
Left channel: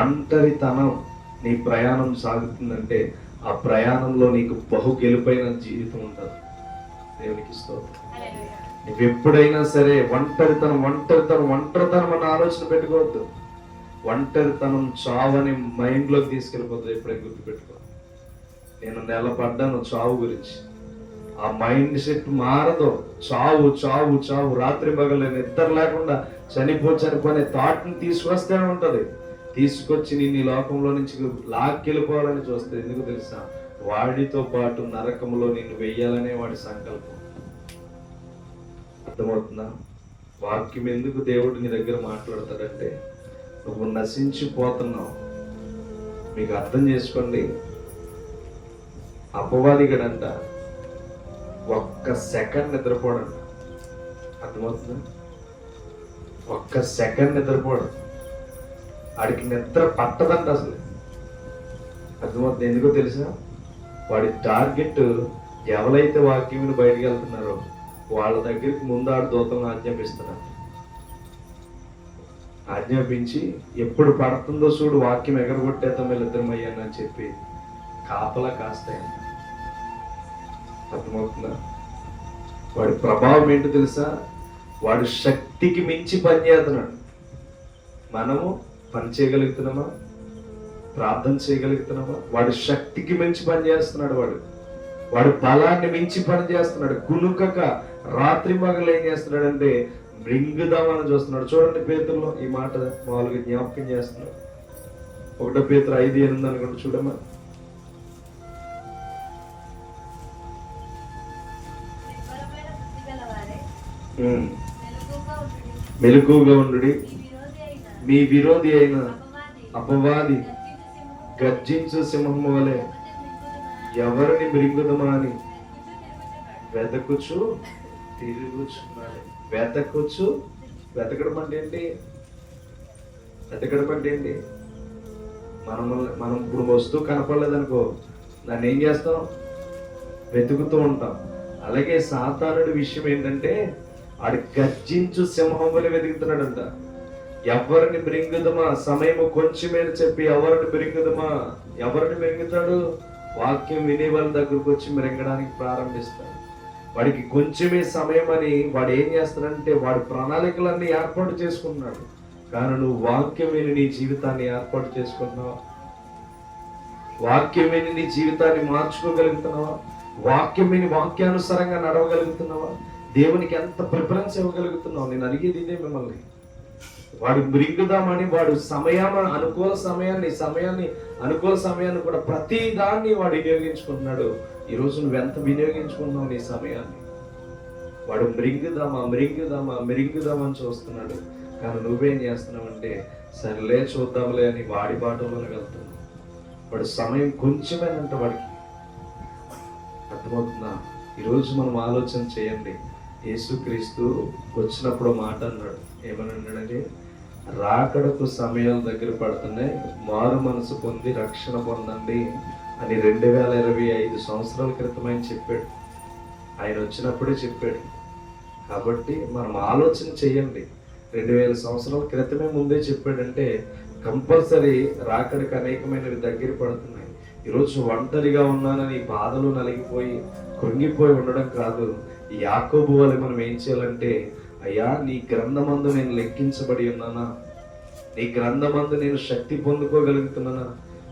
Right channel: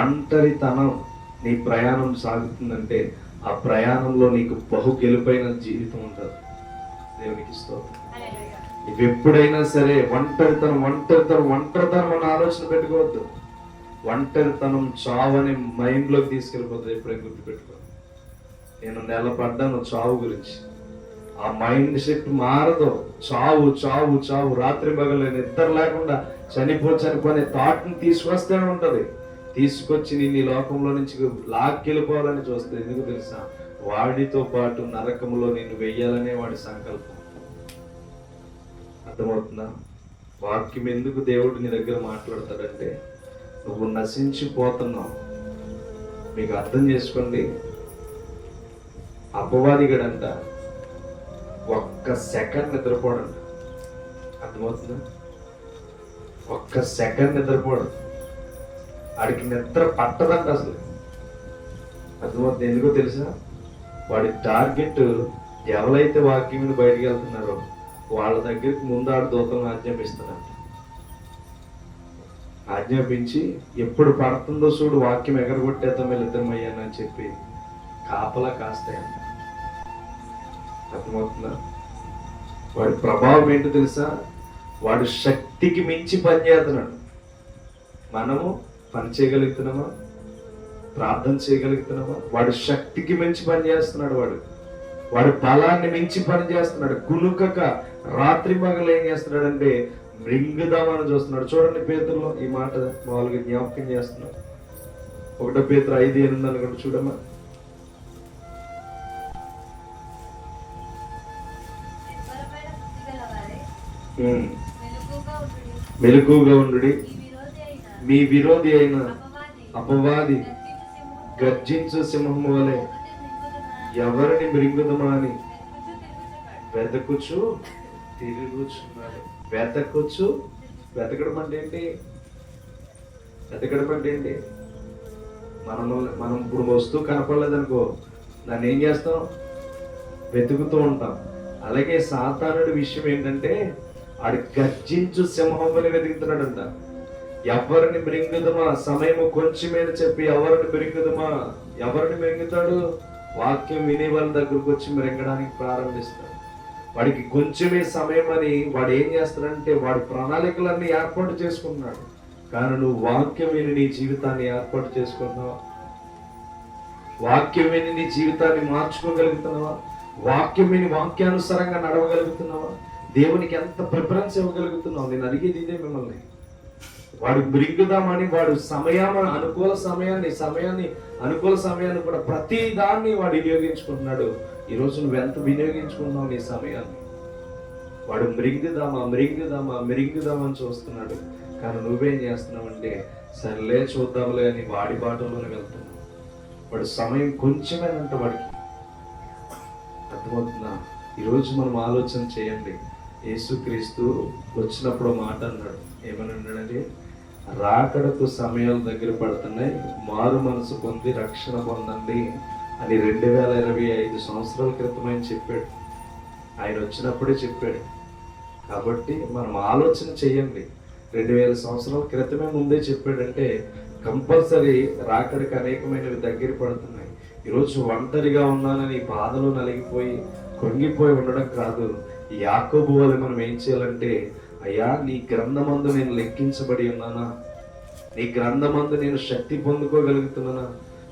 ఒంటరితనం నీ ప్రయాణం సాగుతుందంటే ఆ ప్రయాణంలో నీకు బహు గెలుపైన జీవితం ఉంటుంది. దేవునికి స్తోత్రం. నువ్వు ఎప్పుడైనా సరే ఒంటరితనం ఒంటరితనం ఒంటరితనం అన్న ఆలోచన పెట్టుకోవద్దు. ఒంటరితనం చావని మైండ్లోకి తీసుకెళ్ళిపోతుంది. ఎప్పుడైనా గుర్తుపెట్టుకో. నేను నెలపడ్డాను చావు గురించి. ఆ మైండ్ సెట్ మారదు. చావు చావు చావు, రాత్రి పగలు నిద్ర లేకుండా చనిపోనే థాట్ని తీసుకొస్తూనే ఉంటది. తీసుకొచ్చి నేను ఈ లోకంలో నుంచి లాక్కెళ్ళిపోవాలని చూస్తే ఎందుకు తెలుసా? వాడితో పాటు నరకంలో నేను వెయ్యాలనే వాడి సంకల్పం. అర్థమవుతుందా? వాక్యం ఎందుకు దేవుడు నీ దగ్గర మాట్లాడతాడంటే నువ్వు నశించిపోతున్నావు. మీకు అర్థం చేసుకోండి, అపవాదిగడంట ఒక్క సెకండ్ నిద్రపోడంట. అర్థమవుతుందా? ఒక్క సెకండ్ నిద్రపోడు. వాడికి నిద్ర పట్టదంట అసలు. అర్థమవుతుంది? ఎందుకో తెలుసా? వాడి టార్గెట్ ఎవరైతే వాక్యం బయటికి వెళ్తున్నారో వాళ్ళ దగ్గరికి ముందాడు దూతలను ఆజ్ఞాపిస్తున్నాడు. ఆజ్ఞాపించి ఎప్పుడు పడుతుందో చూడు వాక్యం ఎగరగొట్టేద్దాం వీళ్ళిద్దరమయ్యానని చెప్పి కాపలా కాస్తాయంట. అర్థమవుతుందా? వాడి ప్రభావం ఏంటో తెలుసా? వాడు శక్తికి మించి పనిచేస్తున్నాడు. మనము పని చేయగలుగుతున్నామా? ప్రార్థన చేయగలుగుతున్నామా? వాడు శక్తికి మించి పనిచేస్తున్నాడు. వాడు బలాన్ని మించి పనిచేస్తున్నాడు. కునుకక రాత్రి పగలు ఏం చేస్తున్నాడంటే మృంగుదామని చూస్తున్నాడు. చూడండి, పేతురులో ఈ మాట మామూలుగా జ్ఞాపకం చేస్తున్నాడు. 1 పేతురు 5:8 అనుకుంటా, చూడమ్మా. మెలకువగా ఉండుడి, మీ విరోధి అయిన అపవాది గర్జించు సింహము వలె ఎవరిని మృంగుదమా అని వెతకుచు తిరుగుచున్నాడు. వెతకడం అంటే ఏంటి? మనం ఇప్పుడు వస్తువు కనపడలేదనుకో, దాన్ని ఏం చేస్తాం? వెతుకుతూ ఉంటాం. అలాగే సాతానుడి విషయం ఏంటంటే వాడు గర్జించు సింహములు వెతుకుతున్నాడంట. ఎవరిని మృంగుదమా? సమయము కొంచెమే చెప్పి ఎవరిని మృంగుతాడు? వాక్యం వినే వాళ్ళ దగ్గరకు వచ్చి మృంగడానికి ప్రారంభిస్తాడు. వాడికి కొంచెమే సమయం అని వాడు ఏం చేస్తాడంటే వాడి ప్రణాళికలన్నీ ఏర్పాటు చేసుకుంటున్నాడు. కానీ నువ్వు వాక్యం విని నీ జీవితాన్ని ఏర్పాటు చేసుకుంటున్నావా? వాక్యం విని నీ జీవితాన్ని మార్చుకోగలుగుతున్నావా? వాక్యం విని వాక్యానుసారంగా నడవగలుగుతున్నావా? దేవునికి ఎంత ప్రిఫరెన్స్ ఇవ్వగలుగుతున్నావు? నేను అడిగేది ఇదే మిమ్మల్ని. వాడు మృంగుదామని వాడు అనుకూల సమయాన్ని కూడా ప్రతి దాన్ని వాడు వినియోగించుకుంటున్నాడు. ఈరోజు నువ్వెంత వినియోగించుకున్నావు నీ సమయాన్ని? వాడు మృంగుదామని చూస్తున్నాడు. కానీ నువ్వేం చేస్తున్నావంటే సరేలే చూద్దాంలే అని వాడి బాటలోనే వెళ్తున్నావు. వాడు సమయం కొంచెమేనంట వాడికి. అర్థమవుతుందా? ఈరోజు మనం ఆలోచన చేయండి. యేసుక్రీస్తు వచ్చినప్పుడు మాట అన్నాడు. ఏమని అన్నాడంటే, రాకడకు సమయాలు దగ్గర పడుతున్నాయి, మారు మనసు పొంది రక్షణ పొందండి అని 2025 సంవత్సరాల క్రితమే చెప్పాడు. ఆయన వచ్చినప్పుడే చెప్పాడు. కాబట్టి మనం ఆలోచన చేయండి. 2000 సంవత్సరాల క్రితమే ముందే చెప్పాడంటే కంపల్సరీ రాకడికి అనేకమైనవి దగ్గర పడుతున్నాయి. ఈరోజు ఒంటరిగా ఉన్నానని బాధలు నలిగిపోయి కృంగిపోయి ఉండడం కాదు. యాకోబు వలె మనం ఏం చేయాలంటే, అయ్యా నీ గ్రంథమందు నేను లెక్కించబడి ఉన్నానా? నీ గ్రంథమందు నేను శక్తి పొందుకోగలుగుతున్నానా?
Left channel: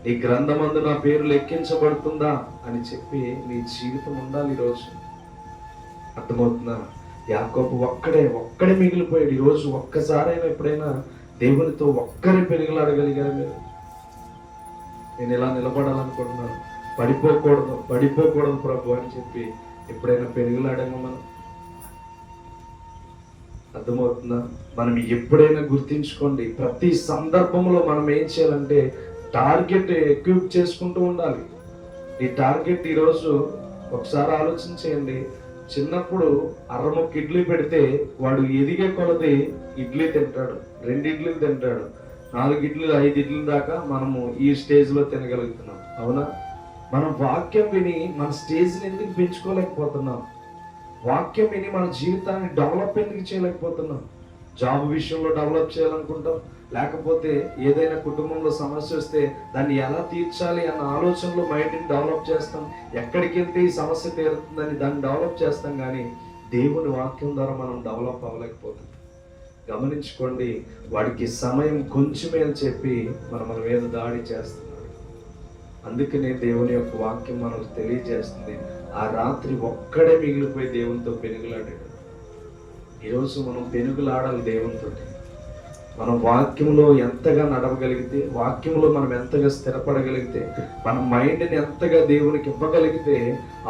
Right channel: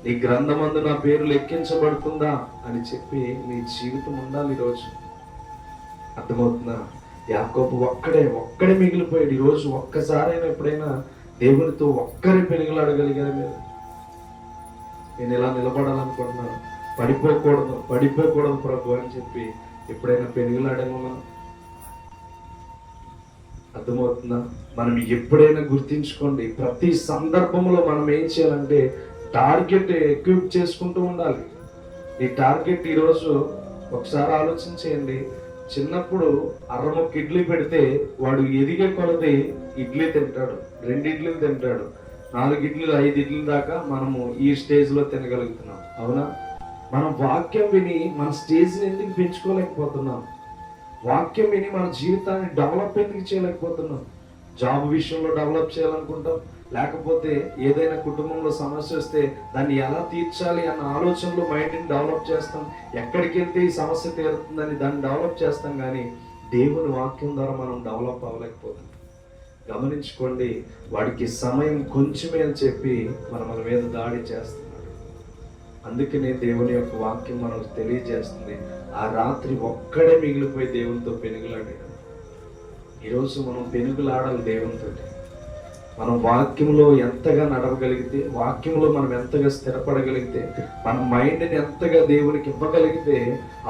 నీ గ్రంథమందు నా పేరు లెక్కించబడుతుందా అని చెప్పి నీ జీవితం ఉండాలి ఈరోజు. అర్థమవుతుందా? యాకోబు ఒక్కడే మిగిలిపోయాడు. ఈరోజు ఒక్కసారైనా ఎప్పుడైనా దేవునితో ఒక్కరే పెనుగులాడగలిగారు మీరు? నేను ఇలా నిలబడాలనుకుంటున్నాను, పడిపోకూడదు ప్రభు అని చెప్పి ఎప్పుడైనా పెనుగులాడామో మనం? అర్థమవుతుందా? మనం ఎప్పుడైనా గుర్తించుకోండి, ప్రతి సందర్భంలో మనం ఏం చేయాలంటే టార్గెట్ ఎక్విప్ చేసుకుంటూ ఉండాలి. ఈ టార్గెట్ ఈరోజు ఒకసారి ఆలోచన చేయండి. చిన్నప్పుడు అరముక్క ఇడ్లీ పెడితే వాడు ఎదిగే కొలది ఇడ్లీ తింటాడు, 2 ఇడ్లీలు తింటాడు, 4 ఇడ్లీలు 5 ఇడ్లీల దాకా మనము ఈ స్టేజ్లో తినగలుగుతున్నాం. అవునా? మనం వాక్యం విని మన స్టేజ్ని ఎందుకు పెంచుకోలేకపోతున్నాం? వాక్యం విని మన జీవితాన్ని డెవలప్ ఎందుకు చేయలేకపోతున్నాం? జాబ్ విషయంలో డెవలప్ చేయాలనుకుంటాం, లేకపోతే ఏదైనా కుటుంబంలో సమస్య వస్తే దాన్ని ఎలా తీర్చాలి అన్న ఆలోచనలో మైండ్ని డెవలప్ చేస్తాం. ఎక్కడికి వెళ్తే ఈ సమస్య తీరుతుందని దాన్ని డెవలప్ చేస్తాం. కానీ దేవుని వాక్యం ద్వారా మనం డెవలప్ అవ్వలేకపోతాం. గమనించుకోండి, వాడికి సమయం కొంచెమే అని చెప్పి మన మీద దాడి చేస్తున్నాడు. అందుకనే దేవుని యొక్క వాక్యం మనకు తెలియజేస్తుంది. ఆ రాత్రి ఒక్కడే మిగిలిపోయి దేవునితో పెనుగులాడాడు. ఈరోజు మనం పెనుగులాడాలి దేవునితో. మనం వాక్యంలో ఎంతగా నడవగలిగితే, వాక్యంలో మనం ఎంతగా స్థిరపడగలిగితే, మన మైండ్ని ఎంతగా దేవునికి ఇవ్వగలిగితే,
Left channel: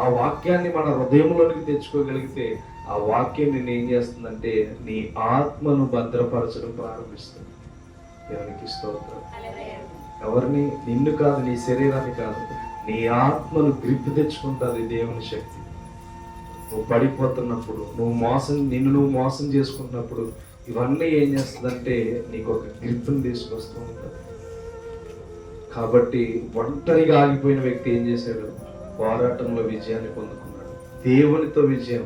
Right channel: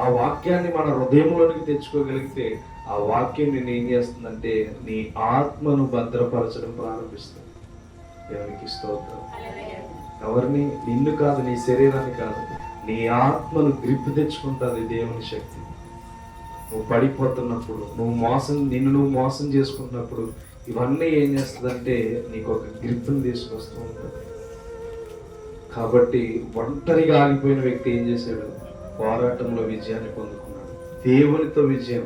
ఆ వాక్యాన్ని మన హృదయంలోనికి తెచ్చుకోగలిగితే, ఆ వాక్యం నిన్ను ఏం చేస్తుందంటే నీ ఆత్మను భద్రపరచడం ప్రారంభిస్తుంది. దేవునికి స్తోత్రం. ఎవరిని? నిన్ను కాదు, నీ శరీరాన్ని కాదు, నీ ఆత్మను గ్రిప్ తెచ్చుకుంటుంది దేవుని శక్తి. నువ్వు పడిపోతున్నప్పుడు, నిన్ను మోసం చేసుకుంటున్నప్పుడు ఇవన్నీ ఏం చేస్తుందంటే నీకు ఒక గ్రిప్ని తీసుకొస్తూ ఉంటుంది. కాబట్టి ఒంటరిగా ఆగిపోయిన వ్యక్తి ఏం చేశాడు? పోరాటంలో విజయాన్ని పొందుకున్నాడు. దేవునితో విజయం,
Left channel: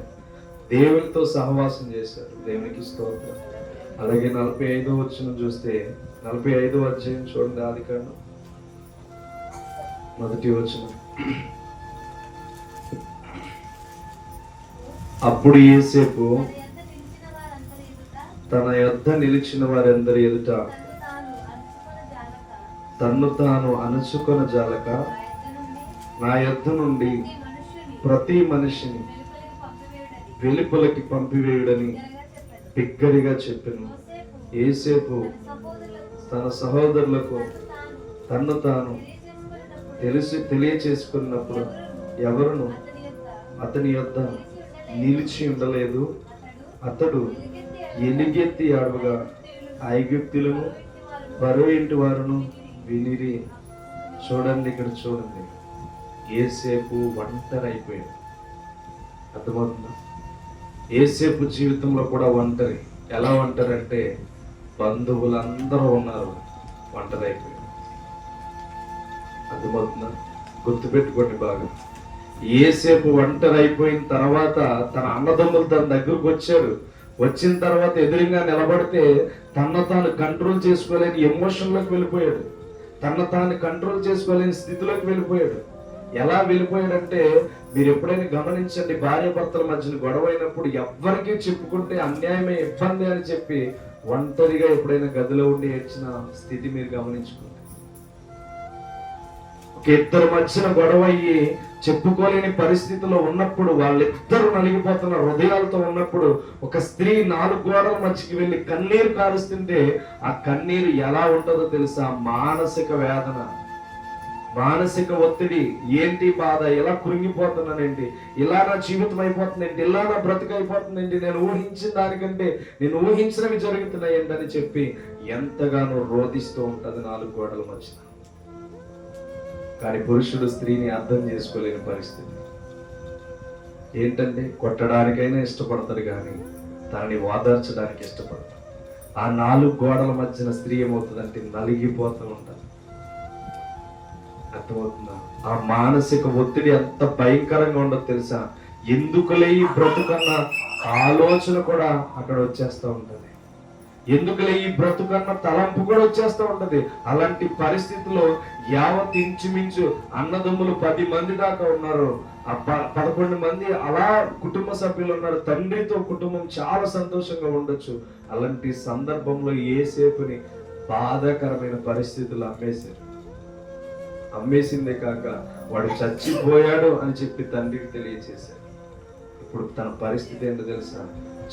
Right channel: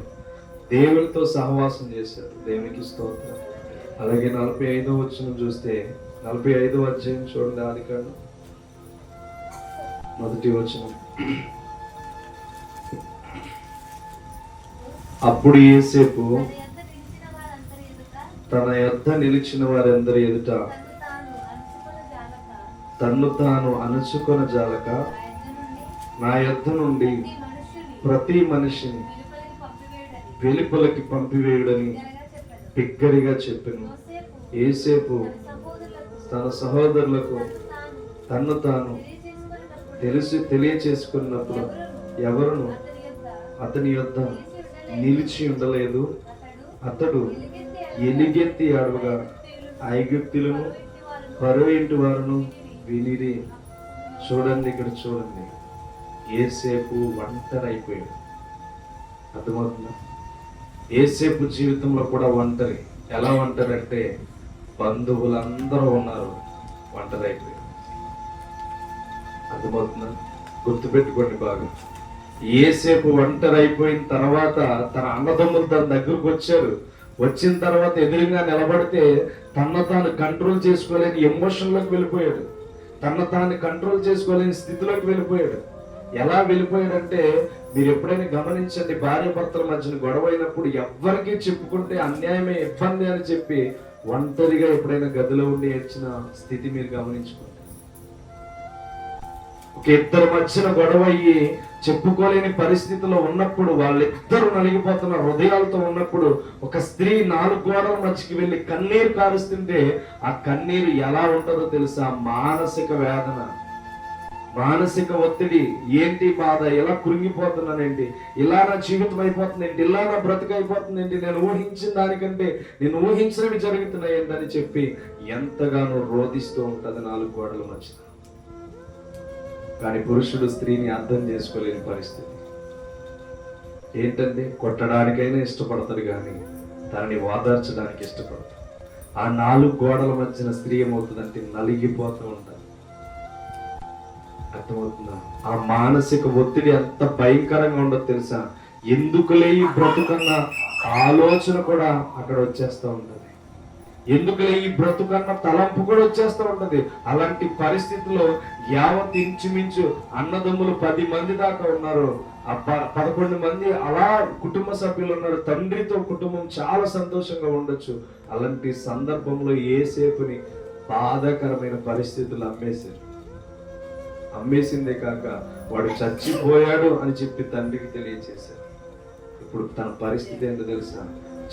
దేవునితో సహవాసం చేశాడు. దేవునికి స్తోత్రం. అలాగే 45వ వచనం చూస్తే, 45వ అధ్యాయం చూడండి, ఆదికాండం 1వ వచనం. అప్పుడు యోసేపు తన యొద్ద నిలిచిన వారందరి ఎదుట తన్ను తాను అణచుకొన జాలక నా యొద్ద నుండి ప్రతి మనిషిని వెలుపలకి పంపివేయుడని బిగ్గరగా చెప్పెను. యోసేపు తన సహోదరులకు తన్ను తాను తెలియచేసుకున్నప్పుడు ఎవరును అతని యొద్ద నిలిచి ఉండలేదు. అతడు ఎలుగెత్తి అడవగా ఐగుప్తులను పరో ఇంటి వారును వినిరి. చూడండి, ఇక్కడ చూడండి, యోసేపు ఒంటరి అయిపోయాడు. అర్థమవుతుందా? యోసేపు జీవితంలో కూడా ఒంటరి. ఎలా ఒంటరి అంటే బంధువులందరూ ఉన్నారు, ఒంటరి అయిపోయాడు. అర్థమవుతుందా? గుర్తుపెట్టుకోండి బాగా. యోసేపు ఒంటరి అయిపోయిన తర్వాత తన అన్నదమ్ములు తన దగ్గరకు వచ్చారు. వచ్చిన తర్వాత ఎదురుగా నిలబడితే తన తాను కంట్రోల్ చేసుకోలేని ఎమోషన్లోకి వెళ్ళిపోయాడు. తన తాను కంట్రోల్ చేసుకోలేని స్థితిలోకి వెళ్ళిపోయాడు. ఎలా వెళ్ళిపోయాడంటే, మీరు ఎప్పుడైనా గమనించండి, భార్య భర్తల మధ్యన గొడవ అయినప్పుడు ఎవ్వరికీ చెప్పుకుంటే అన్యాయమే, ఇబ్బంది అని చెప్పి ఒంటరిగా ఎప్పుడైనా గదిలో ఉండి వచ్చిన స్థితి మీరు గమనించుకోండి. ఒక ఇద్దరు మధ్యన గొడవ అయ్యి చెప్పుకోలేని పరిస్థితిలో ఉన్నప్పుడు, వాళ్ళిద్దరూ నలిగిపోతున్న హృదయాలతో ఉన్నప్పుడు, ఒక స్త్రీ 4 గోడల మధ్యకి వెళ్ళి కన్నీరు కారుస్తుంటే ఆ కన్నీరు ఎలా ఉంటుందో తెలుసా? మానసిక వేదన, మానసిక ఒత్తిడి. ఏంటి బాధ? ఎలా కృంగిపోతున్నానేంటి? ఇలా నా జీవితం అయిపోతుందేంటి? ఇలా నా బ్రతుకు అయిపోతుందేంటి? నేను ఊహించిన దానికంటే నేను ఊహించినవి జరుగుతున్నాయేంటి అని చెప్పి ఎంతగానో రోధిస్తూ ఉంటుంది 4 గోడల మధ్య. కానీ పురుషుడు స్త్రీని అర్థం చేసుకోలేని పరిస్థితి. ఏంటంటే కొట్టడానికైనా ఇష్టపడతాడు, కానీ తనని ఓదార్చడానికి ఇష్టపడతాడు. ఆ 4 గోడల మధ్యన స్త్రీ ఏమవుతుందంటే నలిగిపోతూ ఉంటుంది. అర్థమవుతుందా? ఆ మానసిక ఒత్తిడి ఎంత భయంకరంగా ఉండదు తెలుసా? ఎందుకులే ఈ బ్రతుకన్న ఆలోచన కూడా అక్కడ వచ్చేస్తూ ఉంటుంది. ఎందుకులే ఈ బ్రతుకన్న తలంపు కూడా వచ్చేస్తూ ఉంటది. అలాంటి పరిస్థితుల్లో యావత్ ఇంచుమించు అన్నదమ్ములు 10 మంది దాకా ఉన్నారు. 11 మంది అలా కుటుంబ సభ్యులు ఉన్నారు. తండ్రితో కుటుంబం చాలా సంతోషంగా ఉండొచ్చు. అలాంటి సందర్భంలో యోసేపుని బాధాకరమైన పరిస్థితులు అమ్మేసిందే కాక వాడు చచ్చిపోయాడు అని చెప్పి తండ్రికి తెలియచేశారు. ఇప్పుడు తన పరిస్థితి ఏంటో తెలుసా?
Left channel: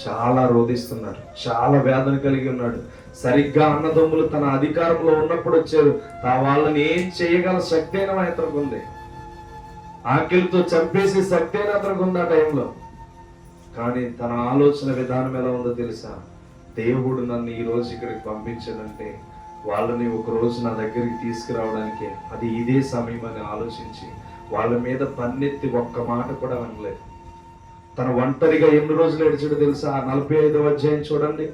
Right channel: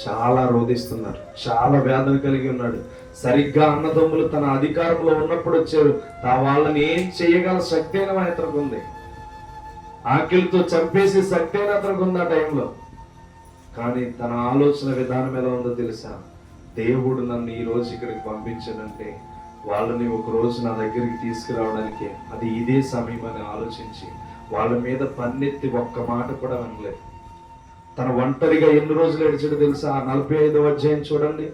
చాలా రోధిస్తున్నాడు, చాలా వేదన కలిగి ఉన్నాడు. సరిగ్గా అన్నదమ్ములు తన అధికారంలో ఉన్నప్పుడు వచ్చారు. వాళ్ళని ఏం చేయగల శక్తి అయినా అతనికి ఉంది. ఆకలితో చంపేసి శక్తి అయినా అతనికి ఉంది ఆ టైంలో. కానీ తన ఆలోచన విధానం ఎలా ఉందో తెలుసా? దేవుడు నన్ను ఈ రోజు ఇక్కడికి పంపించాడంటే వాళ్ళని ఒక రోజు నా దగ్గరికి తీసుకురావడానికి అది ఇదే సమయం అని ఆలోచించి వాళ్ళ మీద పన్నెత్తి ఒక్క మాట కూడా అనలేదు. తన ఒంటరిగా ఎన్ని రోజులు ఏడ్చాడో తెలుసా? 45వ అధ్యాయం చూడండి,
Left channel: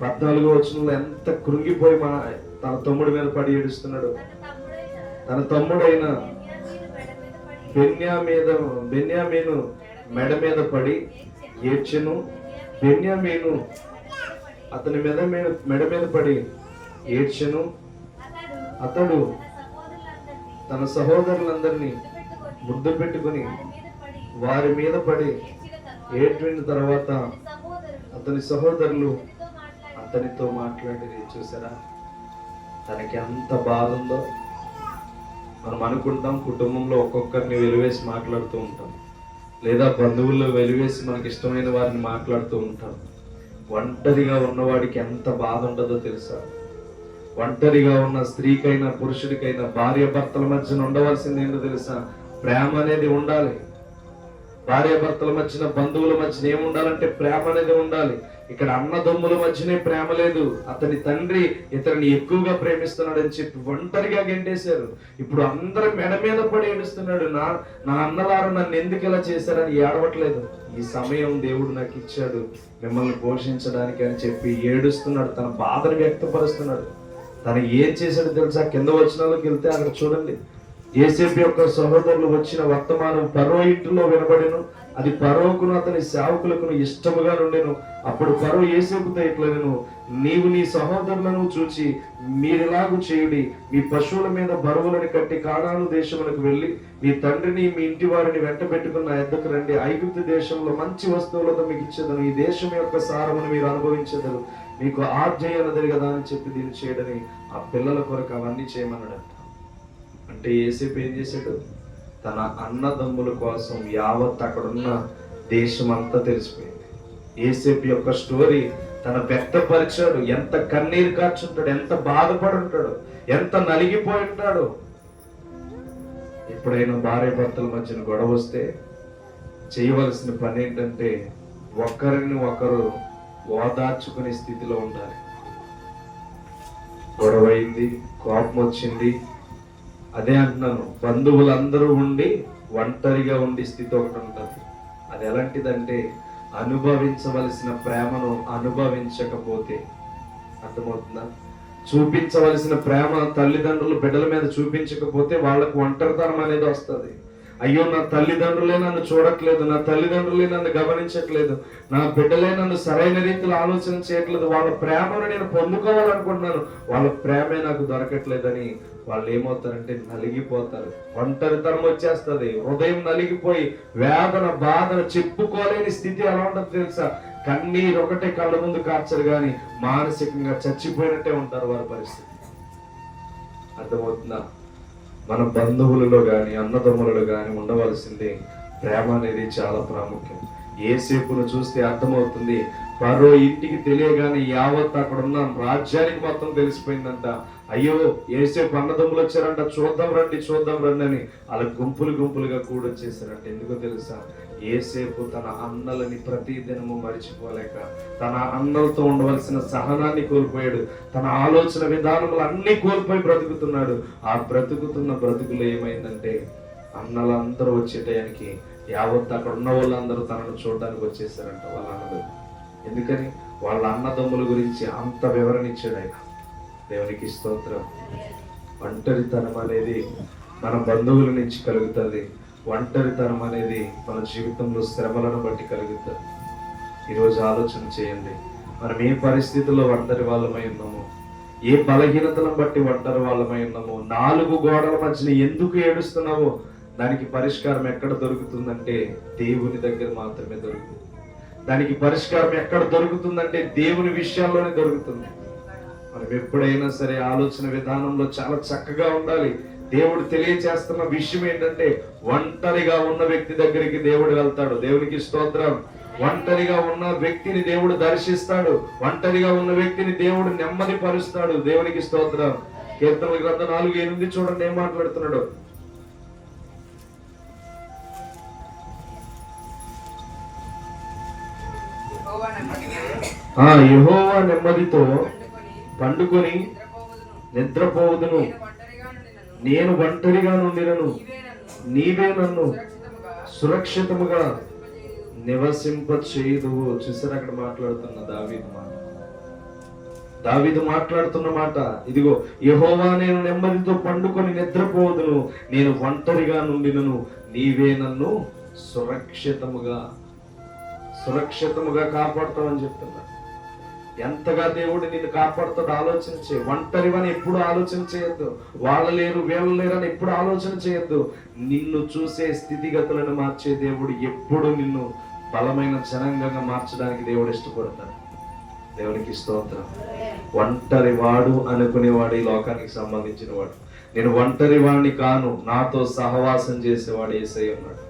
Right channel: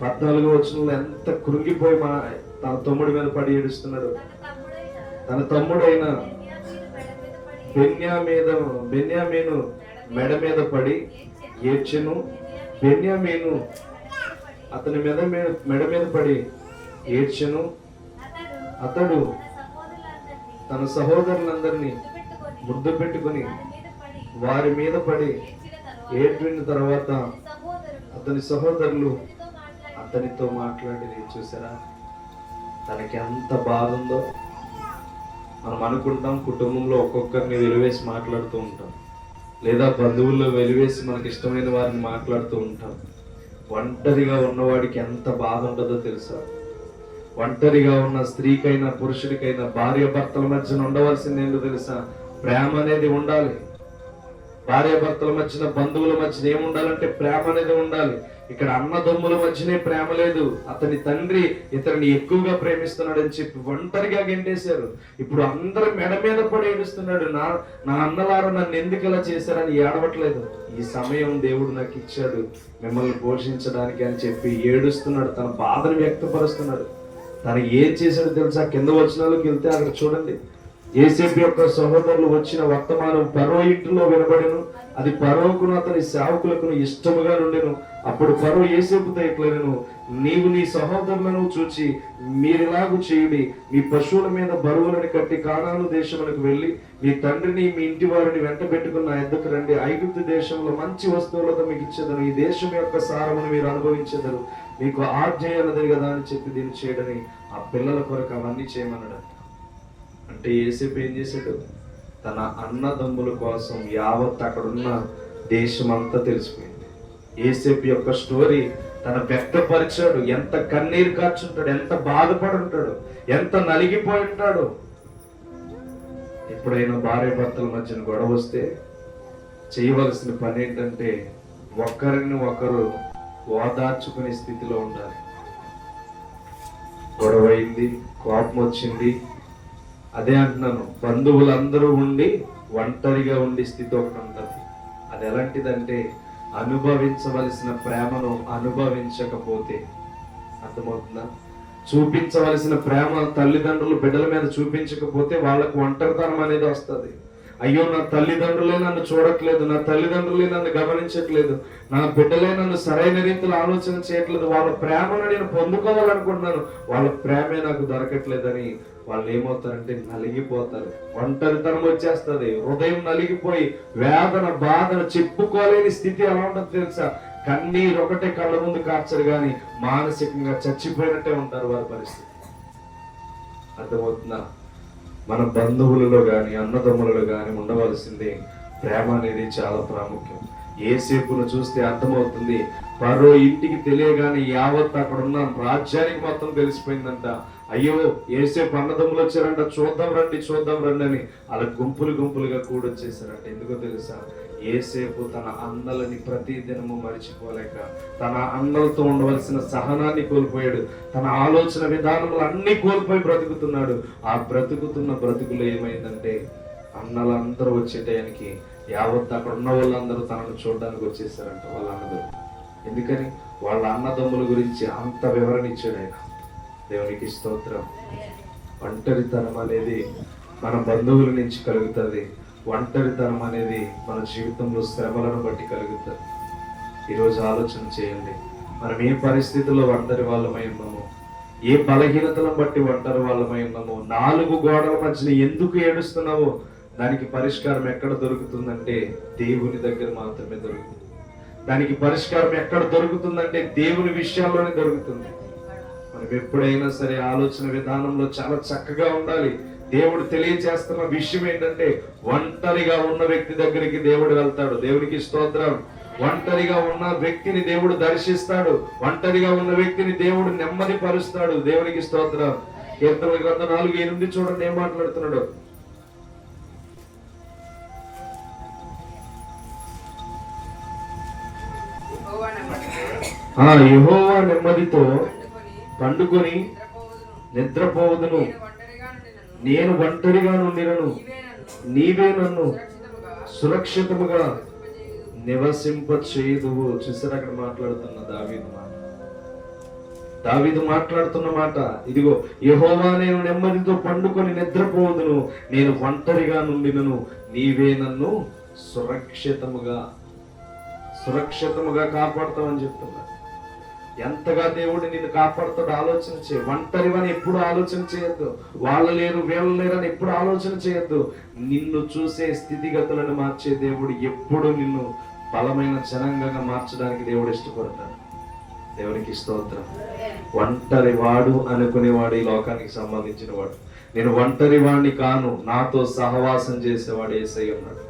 14వ వచనంలో ఎంత కృంగిపోయి తన తమ్ముడి మీద పడి ఏడుస్తున్నాడు. తన తమ్ముడైన బెన్యామీను మెడ మీద పడి ఏడ్చెను. బెన్యామీను అతని మెడ మీద పడి ఏడ్చెను. అతడు తన సహోదరులందరినీ ముద్దు పెట్టుకుని వారి మీద పడి ఏడ్చిన తర్వాత అతని సహోదరులు అతనితో మాట్లాడి, చూసారా తనకి ఎంత బాధ ఉందో. మనం అనుకుంటాం కుటుంబంలో ఒక్కొక్కరిని వెలివేసి మాట్లాడుతూ ఉంటాం, లేదా బంధువుల్లో వెలివేసి మనకి ఇష్టమైన వారిని మాట్లాడుతూ ఉంటాం. ఒంటరిగా ఉన్నవాడికి ఎంత బాధ ఉంటుందో తెలుసా? ఒంటరిగా ఉన్న స్త్రీకైనా పురుషుడికైనా భార్య భర్తల మధ్యన ఉండవలసింది ఏంటో తెలుసా? ప్రేమ అనేది ఉండాలి. భార్య భర్తల మధ్యన, బంధువుల మధ్యన ఏముండాలంటే ప్రేమ అనేది ఉండాలి. ఇక్కడ అన్నదమ్ముల మధ్యనే ప్రేమ లేదు. అతని తండ్రి ఇతన్ని ఎక్కువగా ప్రేమిస్తున్నాడని చెప్పి ఒంటరిగా గెంటేశారు. ఇప్పుడు అందరూ మెడ మీద పడి ఏడుస్తున్నాడు. నా అన్నలారు నన్ను ఎందుకు ఇలా చేశారని ఏడవట్లేదు. ఈ సమయం దేవుడు నాకు ఇచ్చాడు మిమ్మల్ని పోషించడానికి అని చెప్పి ఏడుస్తున్నాడు. తన బాధను వ్యక్తపరుస్తున్నాడు. తను ఏం చేశాడో తెలుసా? కింద వచనాలకు వెళ్తే అక్కడ చూడండి. యోసేపు యొక్క సహోదరులు వచ్చిన వర్తమానం ఫరో ఇంటిలో వినబడెను. అది ఫరోకును అతని సేవకులకు ఇష్టముగా నుండెను. అప్పుడు ఫరో యోసేపుతో ఇట్లనెను, నీవు నీ సహోదరులను చూచి మీరిలాగు చేయుడి, మీ పశువుల మీద బరువులను కట్టి కానాను దేశములకు వెళ్ళి మీ తండ్రిని మీ ఇంటి వారిని వెంట పెట్టుకున్న నా ఎద్దకు రండి. ఐగుప్తు దేశంలో మంచి వస్తువులతో మీకు ఇచ్చేదను, ఈ దేశం యొక్క సారమును మీరు అనుభవించేదరు, మీకు ఆర్జయ్యన్నది కదా అని చెప్పి దీన్ని చేయడని ఆ పిల్లల కొరకు అవన్నీ చేయమన్నాడు. అంటే యోసేపు ఏం చేశాడు? తన అన్నదమ్ముల కోసం యావత్ అక్కడున్న దేశం అంతా తెలిసిపోయింది. యోసేపు యొక్క స్టోరీ తన వ్యక్తపరిచాడు. ఎంత కన్నీరు కార్చుంటాడు, ఎంత బాధపడి ఉంటాడు, ఎంత నలిగిపోయి ఉంటాడు. ఎప్పుడైనా భార్య భర్తల మధ్యన గొడవ వస్తే చేయవలసిన పని ఏంటంటే ఒకరిని ఒకరు ఓదార్చుకునే స్థితిలో ఉండాలి. గొడవ అయింది, కోపం వచ్చింది, అదే అంటున్నాను, బంధువులందరూ ఉండి ఒంటరిగా ఉండే స్థితి ఒకటి ఉంటుంది. అది ఎలాంటిదంటే అనుభవించవలసిన ప్రేమను అనుభవించకపోతే, అర్థమవుతుందా? చూపించవలసిన ప్రేమ తల్లిదండ్రులు బిడ్డల మీద చూపించకపోతే వాళ్ళకు ఒంటరితనం అనేది వస్తుంది. అయ్యో, నా తల్లిదండ్రులే నన్ను చూడట్లేదు, నా తల్లిదండ్రులే నన్ను గమనించట్లేదు, నా బిడ్డలే నన్ను సరైన రీతిలో ఆలోచన చేయట్లేదు, వాళ్ళ ప్రేమను నేను పొందుకోవాలనుకుంటున్నాను, వాళ్ళ ప్రేమే నాకు దొరకట్లేదని వాళ్ళు ఏమవుతారంటే నలిగిపోతారు. ఒంటరితనం వచ్చేస్తుంది. హృదయం నలిగిపోయి వేదన బాధను చెప్పుకోలేని స్థితి ఎలా ఉంటుంది తెలుసా? కన్నీరు ఒకటే కళ్ళ ముందు కార్చరు కానీ మానసికంగా చచ్చిపోయినట్టే ఉంటారు వారి పరిస్థితి. అర్థమవుతుందా? మన బంధువులలో కానీ అన్నదమ్ములలో కానీ ఉండవలసింది ప్రేమ అనేది చాలా ప్రాముఖ్యం. యోసేపును చూస్తే అర్థమవుతుంది. ఫరో ఇంటికి తెలియగానే యావత్ అక్కడ ఉన్న రాజ్యానికి మొత్తం తెలిసిపోయిందంట. అయ్యో, యోసేపు అన్నదమ్ములు వచ్చారంట, చూద్దాం రండి అని అలా గుంపులుగా కూడొచ్చేసారంట. ఎందుకో తెలుసా? యోసేపు తన అన్నలని ప్రతి దినము మరిచిపోలేక తన అన్నలతో ఉండవలసిన సహనాన్ని కోల్పోయాడు. తన ఆలోచన విధానములు అన్ని కోల్పోయి బ్రతుకుతున్నాడు. ఆ బ్రతుకుతున్న బ్రతుకులు ఏమైందంటే అన్నలందరూ వచ్చే టయానికి యావత్ అక్కడ ఉన్న వాళ్ళందరూ తనను చూడడానికి వచ్చేసారంట వాళ్ళ అన్నదమ్ములు. ఎందుకని? వాళ్ళ అన్నదమ్ముల గురించి అంత వివరణ ఇచ్చాడు ఆయన. దేవునికి స్తోత్రం. ఒంటరితనం అనేది మన బంధువుల నుంచి కలుగుతుంది. ఒంటరితనం అనేది మన జీవితంలో శ్రమలను బట్టి కలుగుతుంది. ఈరోజు ఆలోచన చేయండి, మనం ఏ పరిస్థితుల్లో ఒంటరి వాళ్ళమై ఉన్నామో, ఏ బలహీనతలను బట్టి ఒంటరి వాళ్ళమై ఉన్నామో, 4 గోడల మధ్యన ఎందుకు ఏడుస్తున్నామో దానికి పరిష్కారం ఎక్కడ దొరుకుతుందంటే దేవుని దగ్గర మాత్రమే దొరుకుతుంది. దానికి పరిష్కారం ఎక్కడ దొరుకుతుందంటే దేవుని విషయాల్లోనే దొరుకుతుంది. మనం ఎప్పుడైనా సరే ఆలోచన విధానంలో చాలా చక్కగా ఉండాలి. దేవుడు తెలియచేస్తున్న విషయం ఏంటంటే ఒంటరిగా ఉన్న వ్యక్తి దగ్గరికి దేవుడు వెళ్తాడు. దేవునికి స్తోత్రం. ఒంటరిగా ఉన్న వ్యక్తిని దేవుడు దర్శిస్తాడు. ఒంటరిగా ఉన్న వ్యక్తిని దేవుడు నెమ్మది పరుస్తాడు. దేవునికి స్తోత్రం. కీర్తనల గ్రంథం 4:8 చూడండి ఏం మాట్లాడుతున్నాడు. యెహోవా నెమ్మదితో పండుకొని నిద్రపోవదును, నేను ఒంటరిగా నుండినను నీవే నన్ను సురక్షితముగా నివసింప చేయుదువు. చూసారు అక్కడ మాట్లాడుతున్న దావీదు మాట్లాడుతున్న మాట ఇదిగో, యెహోవా నేను నెమ్మదితో పండుకొని నిద్రపోవదును, నేను ఒంటరిగా నుండినను నీవే నన్ను సురక్షితముగా కాపాడుతావని చెప్తున్నా. ఎంతగా దేవుడు నిన్ను కాపాడుతాడు ఆలోచన చేయ. ఒంటరివని ఎప్పుడు ఆలోచన చేయొద్దు. వాళ్ళు లేరు వీళ్ళు లేరని ఎప్పుడు ఆలోచన చేయొద్దు. నిన్ను చూసే స్థితిగతులను మార్చే దేవుడు ఎప్పుడు నిన్ను బలమైన జనాంగంగా మార్చడానికి దేవుడు ఇష్టపడతాడు. దేవునికి స్తోత్రం. ఒంటరి వాడు అనుకునేవాడు ఈ లోకానికి సంబంధించిన వాడు. నేను ఒంటరి వాడిని కాను, నాతో సహవాసం చేసేవాడు యేసయ్య ఉన్నాడు.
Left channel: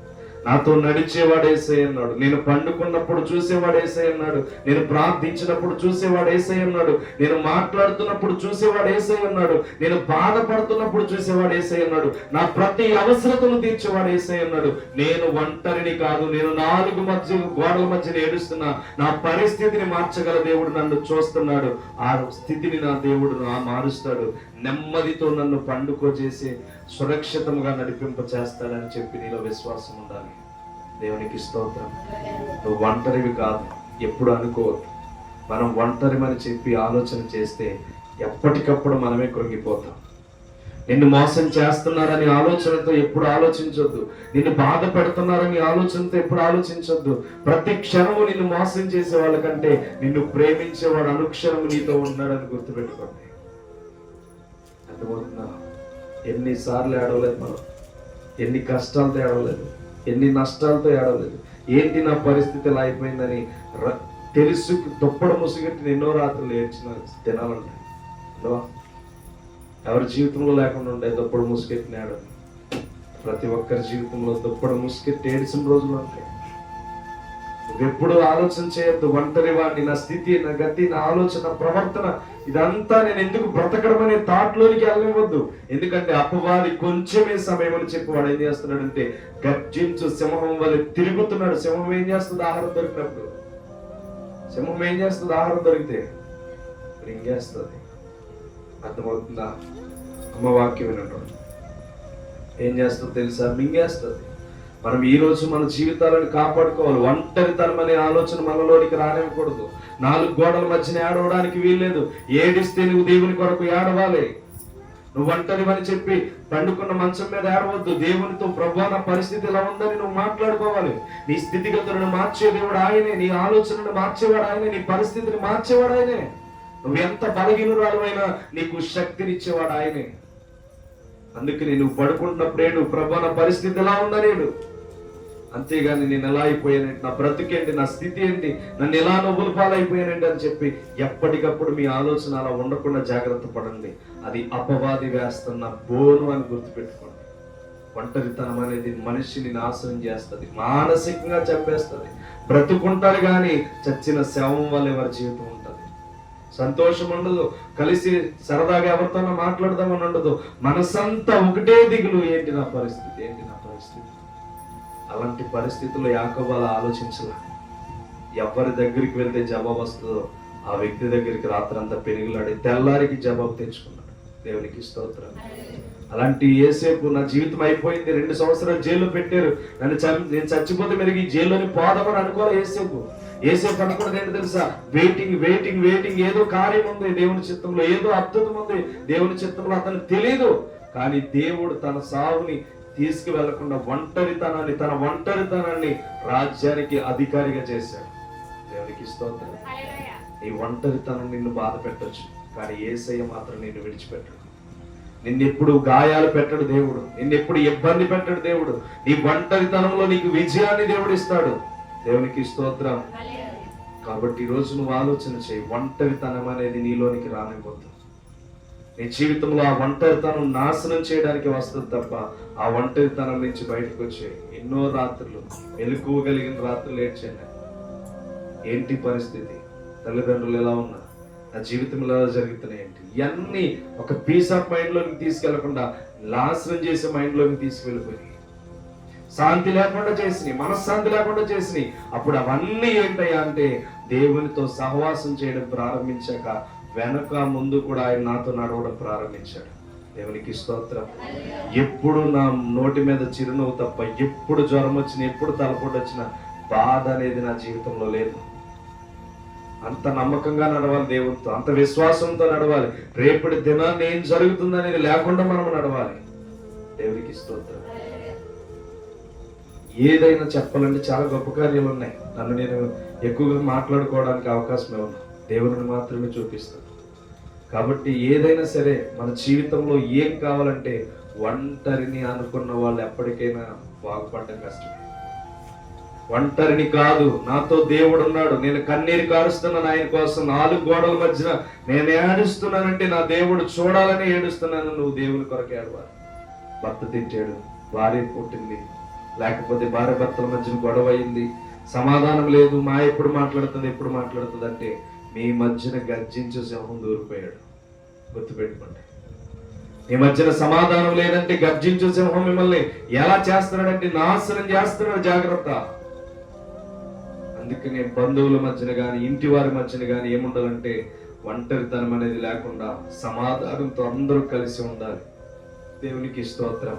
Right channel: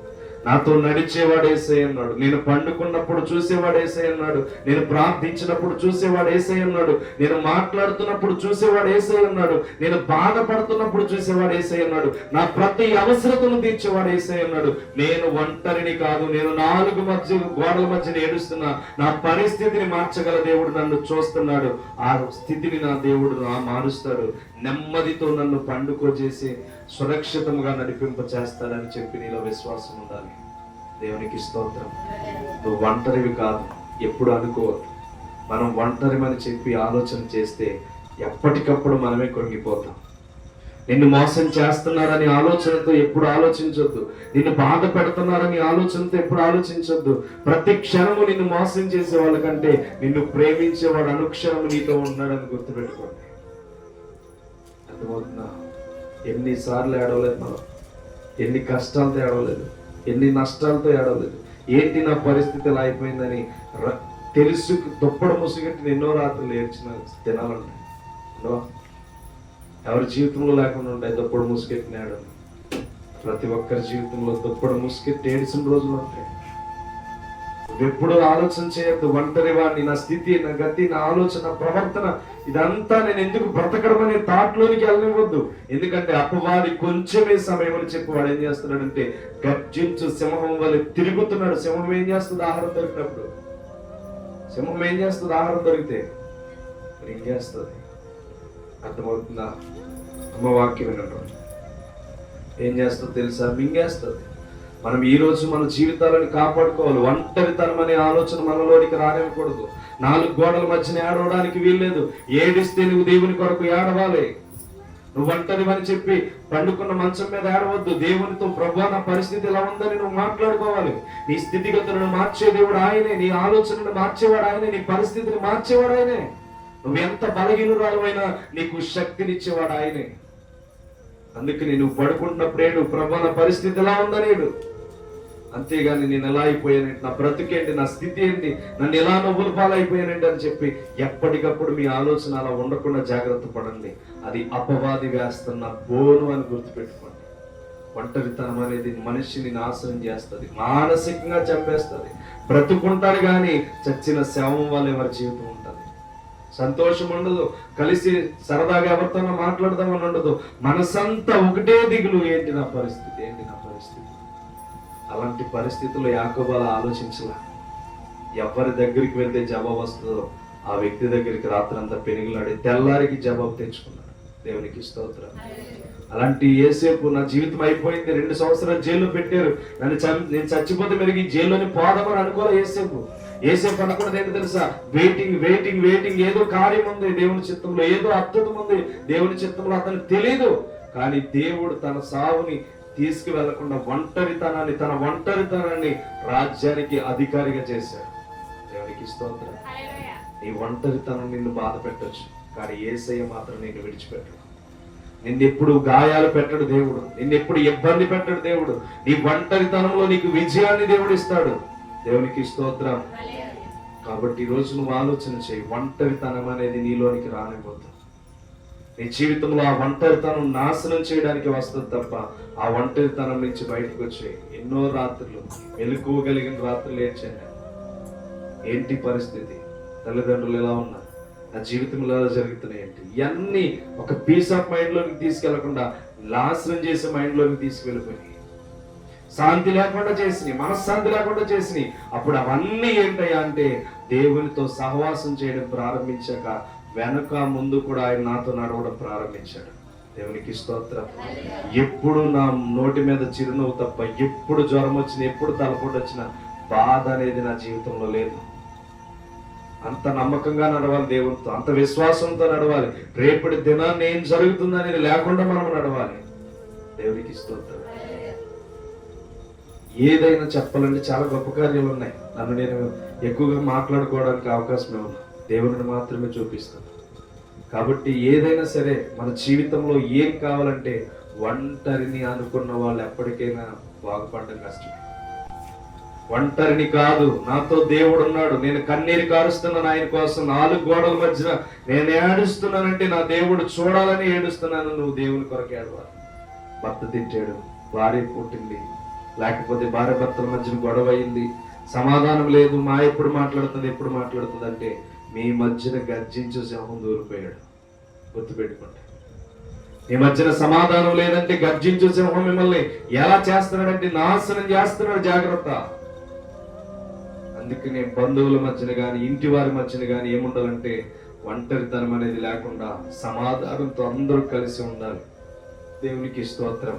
నాతో నడిచేవాడు యేసయ్య అన్నాడు. నేను పండుకున్నప్పుడు చూసేవాడు యేసయ్య అన్నాడు. నేను ప్రార్థించినప్పుడు చూసేవాడు యేసయ్య అన్నాడు. నేను మాట్లాడుతున్నప్పుడు చూసేవాడు యేసయ్య అన్నాడు. నేను బాధపడుతున్నప్పుడు చూసేవాడు యేసయ్య అన్నాడు. నా ప్రతి అవసరతను తీర్చేవాడు యేసయ్య అన్నాడు. నేను ఒంటరిని కాదు, నేను 4 గోడల మధ్య ఏడుస్తున్నా. నా పరిస్థితిని మార్చగల దేవుడు నన్ను చూస్తున్నాడు. ఆ స్థితిని నా దేవుడు మారుస్తాడు. నెమ్మదితో నన్ను పండుకోజేసి సురక్షితంగా నడిపింప చేస్తాడని చెప్పి నీలో విశ్వాసం ఉండాలి. దేవునికి స్తోత్రం. నువ్వు ఒంటరివి కాదు, ఎప్పుడు అనుకోవద్దు. మనం ఒంటరిమని చెప్పి ఆలోచన చేస్తే ఎప్పటికప్పుడు మనమే కృంగిపోతాం. నిన్ను మోసం చేస్తున్నారని ఆలోచనతో ఎప్పుడు ఆలోచించొద్దు. నిన్ను బాధ పెడుతున్నారని ఆలోచనతో ఎప్పుడు ఆలోచించొద్దు. ప్రతి క్షణము నిన్ను మోసం చేసే వాళ్ళకంటే నిన్ను ప్రేమించేవాడు అనుక్షణము నీతో ఉన్నాడని గుర్తుపెట్టుకోండి. అర్థమవుతుందా? ఎన్నిసార్లు ఏడవలేదు మనం, ఎన్ని కష్టాలతో ఏడవలేదు, ఎన్ని నష్టాలతో ఏడవలేదు. ఏంటి నా పరిస్థితి ఇలా అయిపోయిందని తెలుసు దుప్పడ ముసుగట్టి ఎన్నో రాత్రులు ఏడ్చిన దినాలుంటాయి. ఎవరి జీవితంలో లేకుండా ఉంటాయి దుప్పడ ముసుగెట్టిన ఏడవలు. ప్రతి ఒక్కరి జీవితంలో దుప్పడ ముసుగెట్టి ఏడిసిన రోజులు ఉంటాయి. ఎప్పుడు ఆలోచన చేయొద్దు ఒంటరి వాడిని, నా స్థితి, నా గతి, నా ఆలోచన, ప్రవర్తన ఇదంతా నేను ఎందుకు బ్రతకడం అనే థాట్లోనికి వెళ్ళవద్దు. ఎందుకంటే అపవాది కొంచెమే సమయం అని చెప్పి వాడు ఏం చేస్తున్నాడంటే గర్జించు సింహం వల్ల తిరుగుతున్నాడు. సింహం ఏం చేస్తుంది? ఆహారం దొరికినప్పుడు. సింహం ఏం చేస్తుంది? ఆహారం దొరికితే మింగేస్తుంది. అర్థమవుతుందా? అమ్మ వాక్యం వినడం ఏం చేస్తుంది తెలుసా? మింగేస్తుంది. మనం ఈ రోజు మన జీవితాలను కాపాడుకోవాలి. ఒంటరితనం అనే ఆలోచన మనలోనికి రానివ్వకూడదు. 4 గోడల మధ్యన ఏడవడానికి వీల్లేదు. ఏడిస్తే నువ్వు దేవుని కొరకు ఏడవాలి. నువ్వు ఒంటరివని చెప్పి పండుకున్న మంచం మీద ఏడవద్దు. దేవునితో ప్రభువా నా పరిస్థితి ఇలా ఉందని నువ్వు మాట్లాడుకోవాలి. నీ స్థితిగతులను మార్చే దేవుడు ఆయనే, నీ ఆలోచనను మార్చేవాడు ఆయనే, నీ పరిస్థితిని మార్చేవాడు ఆయనే. నువ్వు ఎంత బలహీనురాలైనా నీకు శక్తినిచ్చేవాడు ఆయనే. అందుకని నువ్వు పడుకుంటున్నప్పుడు ఏడు, ప్రభువా నా పరిస్థితి ఎలా ఉందనేడు. అంతేగాని నేను ఎలా అయిపోయానంటే, నా బ్రతుకేంటి, నా స్థితి ఏంటి, నన్ను ఎలా నవ్వులు పాలైపోయానండి అని చెప్పి ఎప్పటికప్పుడు మీ ఆలోచన అలా ఉండకుండా జాగ్రత్త పడండి. అది అపవాది వేస్తున్న బోను అని గుర్తుపెట్టుకోండి. ఒంటరితనం అనేది మనిషిని నాశనం చేస్తుంది, మానసికంగా చంపేస్తుంది. బ్రతుకుంటాడు కానీ చచ్చిన శవం వల్ల ఎవరి జీవితం ఉంటుంది. సంతోషం ఉండదు, కలిసి సరదాగా ఎవరితోనో మాట్లాడదామని ఉండదు. మనసంతా ఒకటే దిగులు, ఏంటి నా పరిస్థితి, ఏంటి నా పరిస్థితి. అలాంటి పరిస్థితుల్లో యాకోబు అలా ఆలోచించలా. ఎవరి దగ్గరికి వెళ్తే జవాబు వస్తుందో ఆ వ్యక్తి దగ్గరికి రాత్రంతా పెనుగులాడి తెల్లారికి జవాబు తెచ్చుకున్నాడు. దేవునికి స్తోత్రం. అలాంటి యేసేపు నా జీవితం అయిపోయింది, 2 సంవత్సరాలు జైల్లో పెట్టారు, నేను చచ్చిపోతే మెరుగు ఈ జైల్లోని పోదామని అనుకోవాలి. యేసేపు అనుకున్నది ఏంటి తెలుసా? Waiting waiting waiting. ఏదో కార్యం ఉంది దేవుని చిత్తంలో, ఏదో అద్భుతం ఉంది దేవుని చిత్తంలో, అతనికి తెలియదు. కానీ దేవుడు తన సావుని తీసుకువెళ్లకుండా తన ఒంటరితనాన్ని రాజ్యానికి అధికారిగా చేశాడు. దేవునికి స్తోత్రం. ఈ ఒంటరితనం నిన్ను బాధ పెట్టొచ్చు, కానీ యేసయ్య మాత్రం నిన్ను విడిచిపెట్టడు. నిన్నెప్పుడు గాయాలు పెట్టడు దేవుడు, నిన్నెప్పుడు ఇబ్బంది పెట్టడు దేవుడు. నీ ఒంటరితనంలో నీకు విజయాన్ని దేవుడు ఇస్తాడు. దేవునికి స్తోత్రం. కాబట్టి ఈ రోజు నువ్వు ఆలోచన చేయి, ఒంటరితనం అనేది నీలోనికి రానిపోతుంది. నీ జీవితంలో ఆ ఒంటరితనం నాశనం చేయడానికి వస్తుంది తప్ప ఆ ఒంటరితనం నుంచి బయటకు వచ్చే ఎన్నో రాత్రులు, మెలకువగలిగిన రాత్రులు ఏడ్చాను. ఏంటి పరిస్థితి, తల్లిదండ్రులు ఎలా ఉన్నారు, నా జీవితంలో ఎలా జరుగుతున్నాయి ఏంటి, ఇవన్నీ ఒక పీస్ ఆఫ్ మైండ్ లోకి తీసుకెళ్లకుండా నాశనం చేసే మైండ్ లోకి తీసుకెళ్ళిపోయి శాంతి లేకుండా చేసినాయి, మనశ్శాంతి లేకుండా చేసినాయి. అప్పుడు అవన్నీ ఏంటయ్యా అంటే దేవునితో సహవాసం చేయడం ప్రారంభించాక వెనక ముందు కూడా ఆయన నాతో నడవడం ప్రారంభించాడు. దేవునికి స్తోత్రం. ఎప్పుడు నా నోటి మీద చిరునవ్వు తప్ప, ఎప్పుడు జ్వరం వచ్చినా, ఎప్పుడు తలపోటు వచ్చినా బాధ అనేది నా జీవితంలో లేదు. అంత నమ్మకంగా నడవాలి దేవునితో, అంత విశ్వాసంతో నడవాలి. రేపటి దినాన్ని ఏం జరుగుతుందనేది లేకుండా మనం నడవాలి. దేవునికి స్తోత్రం. ఏదైనా చెప్పాలంటే చాలా గొప్ప కార్యాలు ఉన్నాయి. నన్ను నేను ఎక్కువగా మాట్లాడుకోవడానికి అవకాశం ఉంది, దేవుడిని మాత్రమే చూపిస్తాను. కాబట్టి ఏదైనా సరే మన జీవితంలో ఏం కావాలంటే ఒంటరిని అనుకున్న వాళ్ళు ఎప్పటికైనా బాగుపడడం కష్టమే. ఒంటరిని కాదు, నాతో దేవుడు ఉన్నాడు, నేను కన్నీరు కారుస్తున్నాను ఆయన కోసం, 4 గోడల మధ్యన నేను ఏడుస్తున్నానంటే నా దేవుడు చూడాలని ఏడుస్తున్నాను. నువ్వు దేవుని కొరకు ఏడవాలి. భర్త తిట్టాడు, భార్య పుట్టింది, లేకపోతే భార్య భర్తల మధ్యన గొడవ అయింది, సమాధానం లేదు, మా ఎప్పుడు మాట్లాడుతుంది అంటే మీ మధ్యన గర్జించే సింహం దూరిపోయాడు. గుర్తుపెట్టుకోండి, మీ మధ్యన సమాధానం లేదంటే గర్జించే సింహం మిమ్మల్ని ఎలా చేస్తున్నాడంటే నాశనం చేస్తున్నాడు. జాగ్రత్త. అందుకనే బంధువుల మధ్యన కానీ ఇంటి వారి మధ్యన కానీ ఏముండాలంటే ఒంటరితనం అనేది లేకుండా సమాధానంతో అందరూ కలిసి ఉండాలి. దేవునికి స్తోత్రం.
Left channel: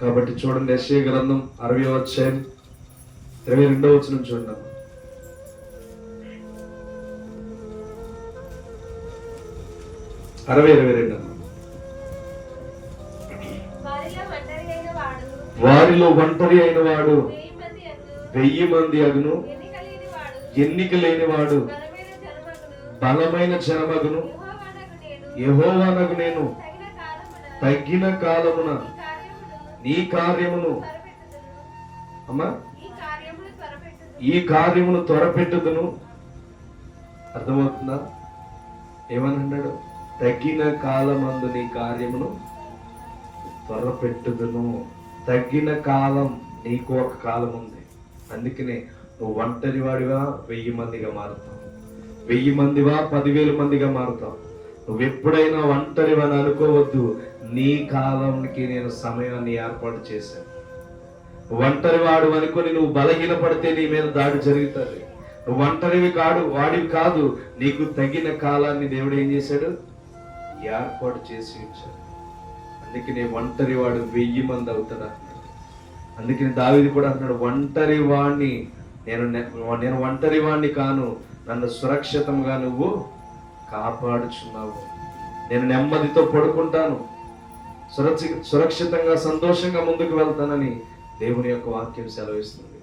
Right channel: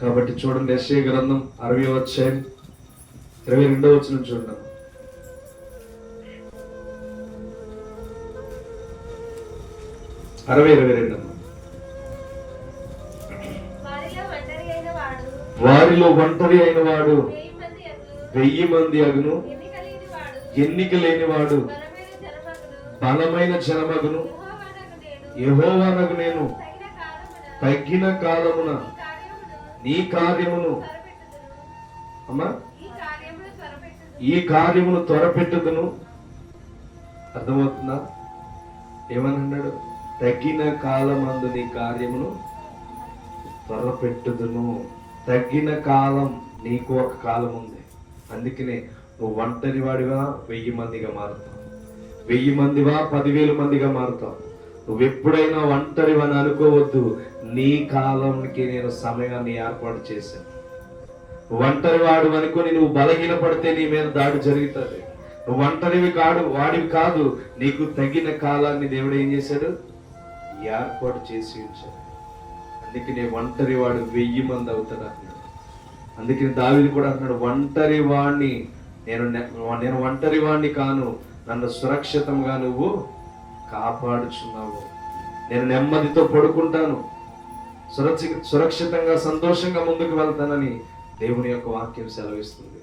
కాబట్టి చూడండి, యెషయా గ్రంథం 60వ అధ్యాయం 22వ వచనం చూడండి. 60:22. వారిలో ఒంటరి అయిన వాడు 1000 మంది అగును, ఎన్నిక లేని వాడు బలమైన జనమగును. యెహోవానగు నేను తగ్గిన కాలమున నీ కార్యమును అమ్మా ఈ కార్యమును త్వరపెట్టుదును. అర్థమవుతుందా? ఏమన్నాడు? తగ్గిన కాలమందు నీ కార్యమును త్వరపెట్టుదును. తగ్గిన కాలం, నీకు ఒక కాలం ఉంది. అందుకనే నువ్వు ఒంటరి వాడిగా 1000 మందిగా మారుతావు, 1000 మందివా 10,000 మందిగా మారుతావు. నువ్వు ఎప్పుడైనా ఒంటరి అని అనుకోవద్దు. నీ కాలానికి నేను సమయాన్ని ఏర్పాటు చేశాను. ఒంటరి వాడు అనుకుని నువ్వు బలహీనపడితే నీ మీద దాడి జరుగుతుంది. నువ్వు ఒంటరివి వాడివి కాదు. నీకు తగిన కాలాన్ని దేవుడు ఏం చేశాడు? ఏర్పాటు చేసి ఉంచాడు. అందుకనే ఒంటరి వాడు 1000 మంది అవుతాడు అన్నాడు. అందుకని దావీదు కూడా అన్నాడు, ఒంటరి వాడిని నేను ఒంటరి వాడిని కాను, నన్ను సురక్షితంగా నువ్వు కాపాడుచున్నావు. నేను నెమ్మదితో పడుకుంటాను, సురక్షితంగా సంతోషంగా ముందుకు వెళ్తానని దేవుని యొక్క వాక్యం సెలవిస్తుంది.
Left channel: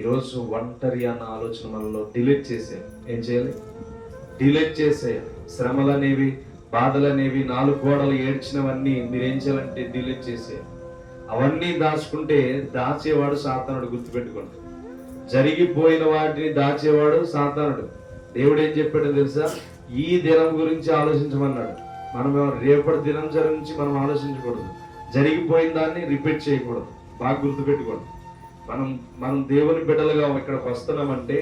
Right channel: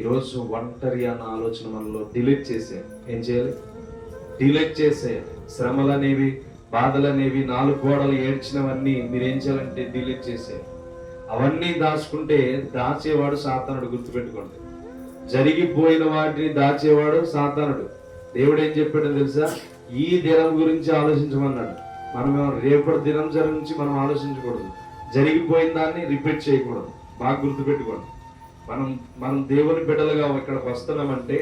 ఈరోజు ఒంటరి అన్న ఆలోచన మనలో డిలీట్ చేసేయాలి. ఏం చేయాలి? డిలీట్ చేసేయాలి. శ్రమలు అనేవి, బాధలు అనేవి, 4 గోడలు ఏడ్చినవన్నీ మీరేం చేయాలంటే డిలీట్ చేసేయాలి. అవన్నీ దాచుకుంటే దాచేవాడు సాతానుడు. గుర్తుపెట్టుకోండి, జరిగిపోయిన వాటిని దాచేవాడు సాతానుడు. దేవుడు ఏం చెప్పాడో తెలుసా? ఈ దినం గురించి ఆలోచించమన్నాడు. మనం రేపటి దినం గురించి మనం ఆలోచించకూడదు. జరిగిపోయిన దాన్ని రిపీట్ చేయకూడదు. బాగా గుర్తుపెట్టుకోండి. మనం దేవుని బిడ్డలుగా ఇక్కడికి వస్తున్నామంటే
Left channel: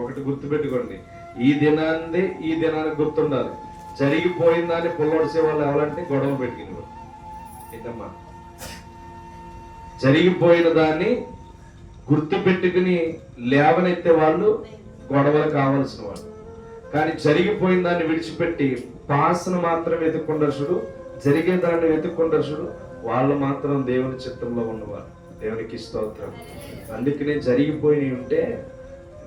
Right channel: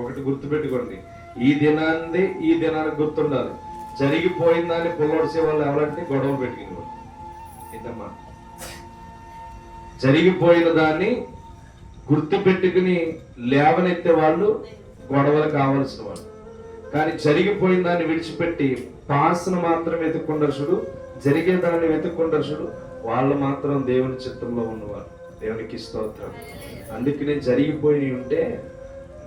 ఒకటి గుర్తుపెట్టుకోండి, ఈ దినానికి గుర్తుండాలి. జరిగిపోయిన దాన్ని పొల్లొడిసే వాళ్ళు ఎవరంటే గొడవ పెట్టుకుని ఇద్దమ్మా. జరిగిపోయిన దాన్ని గుర్తు పెట్టుకుని లేవనెత్తే వాళ్ళు గొడవలు కావాల్సిన వాళ్ళు. కానీ జరిగిపోయిన దాన్ని విడిచిపెట్టి పాస్ను మాత్రం వెతుక్కుంటారు, జరిగే దాన్ని వెతుక్కుంటారు, వాళ్ళు మాత్రం దేవుని చిత్తంలో ఉన్నవారు. దేవునికి స్తోత్రం. అందుకనే జరిగిపోయినవి ఉంటే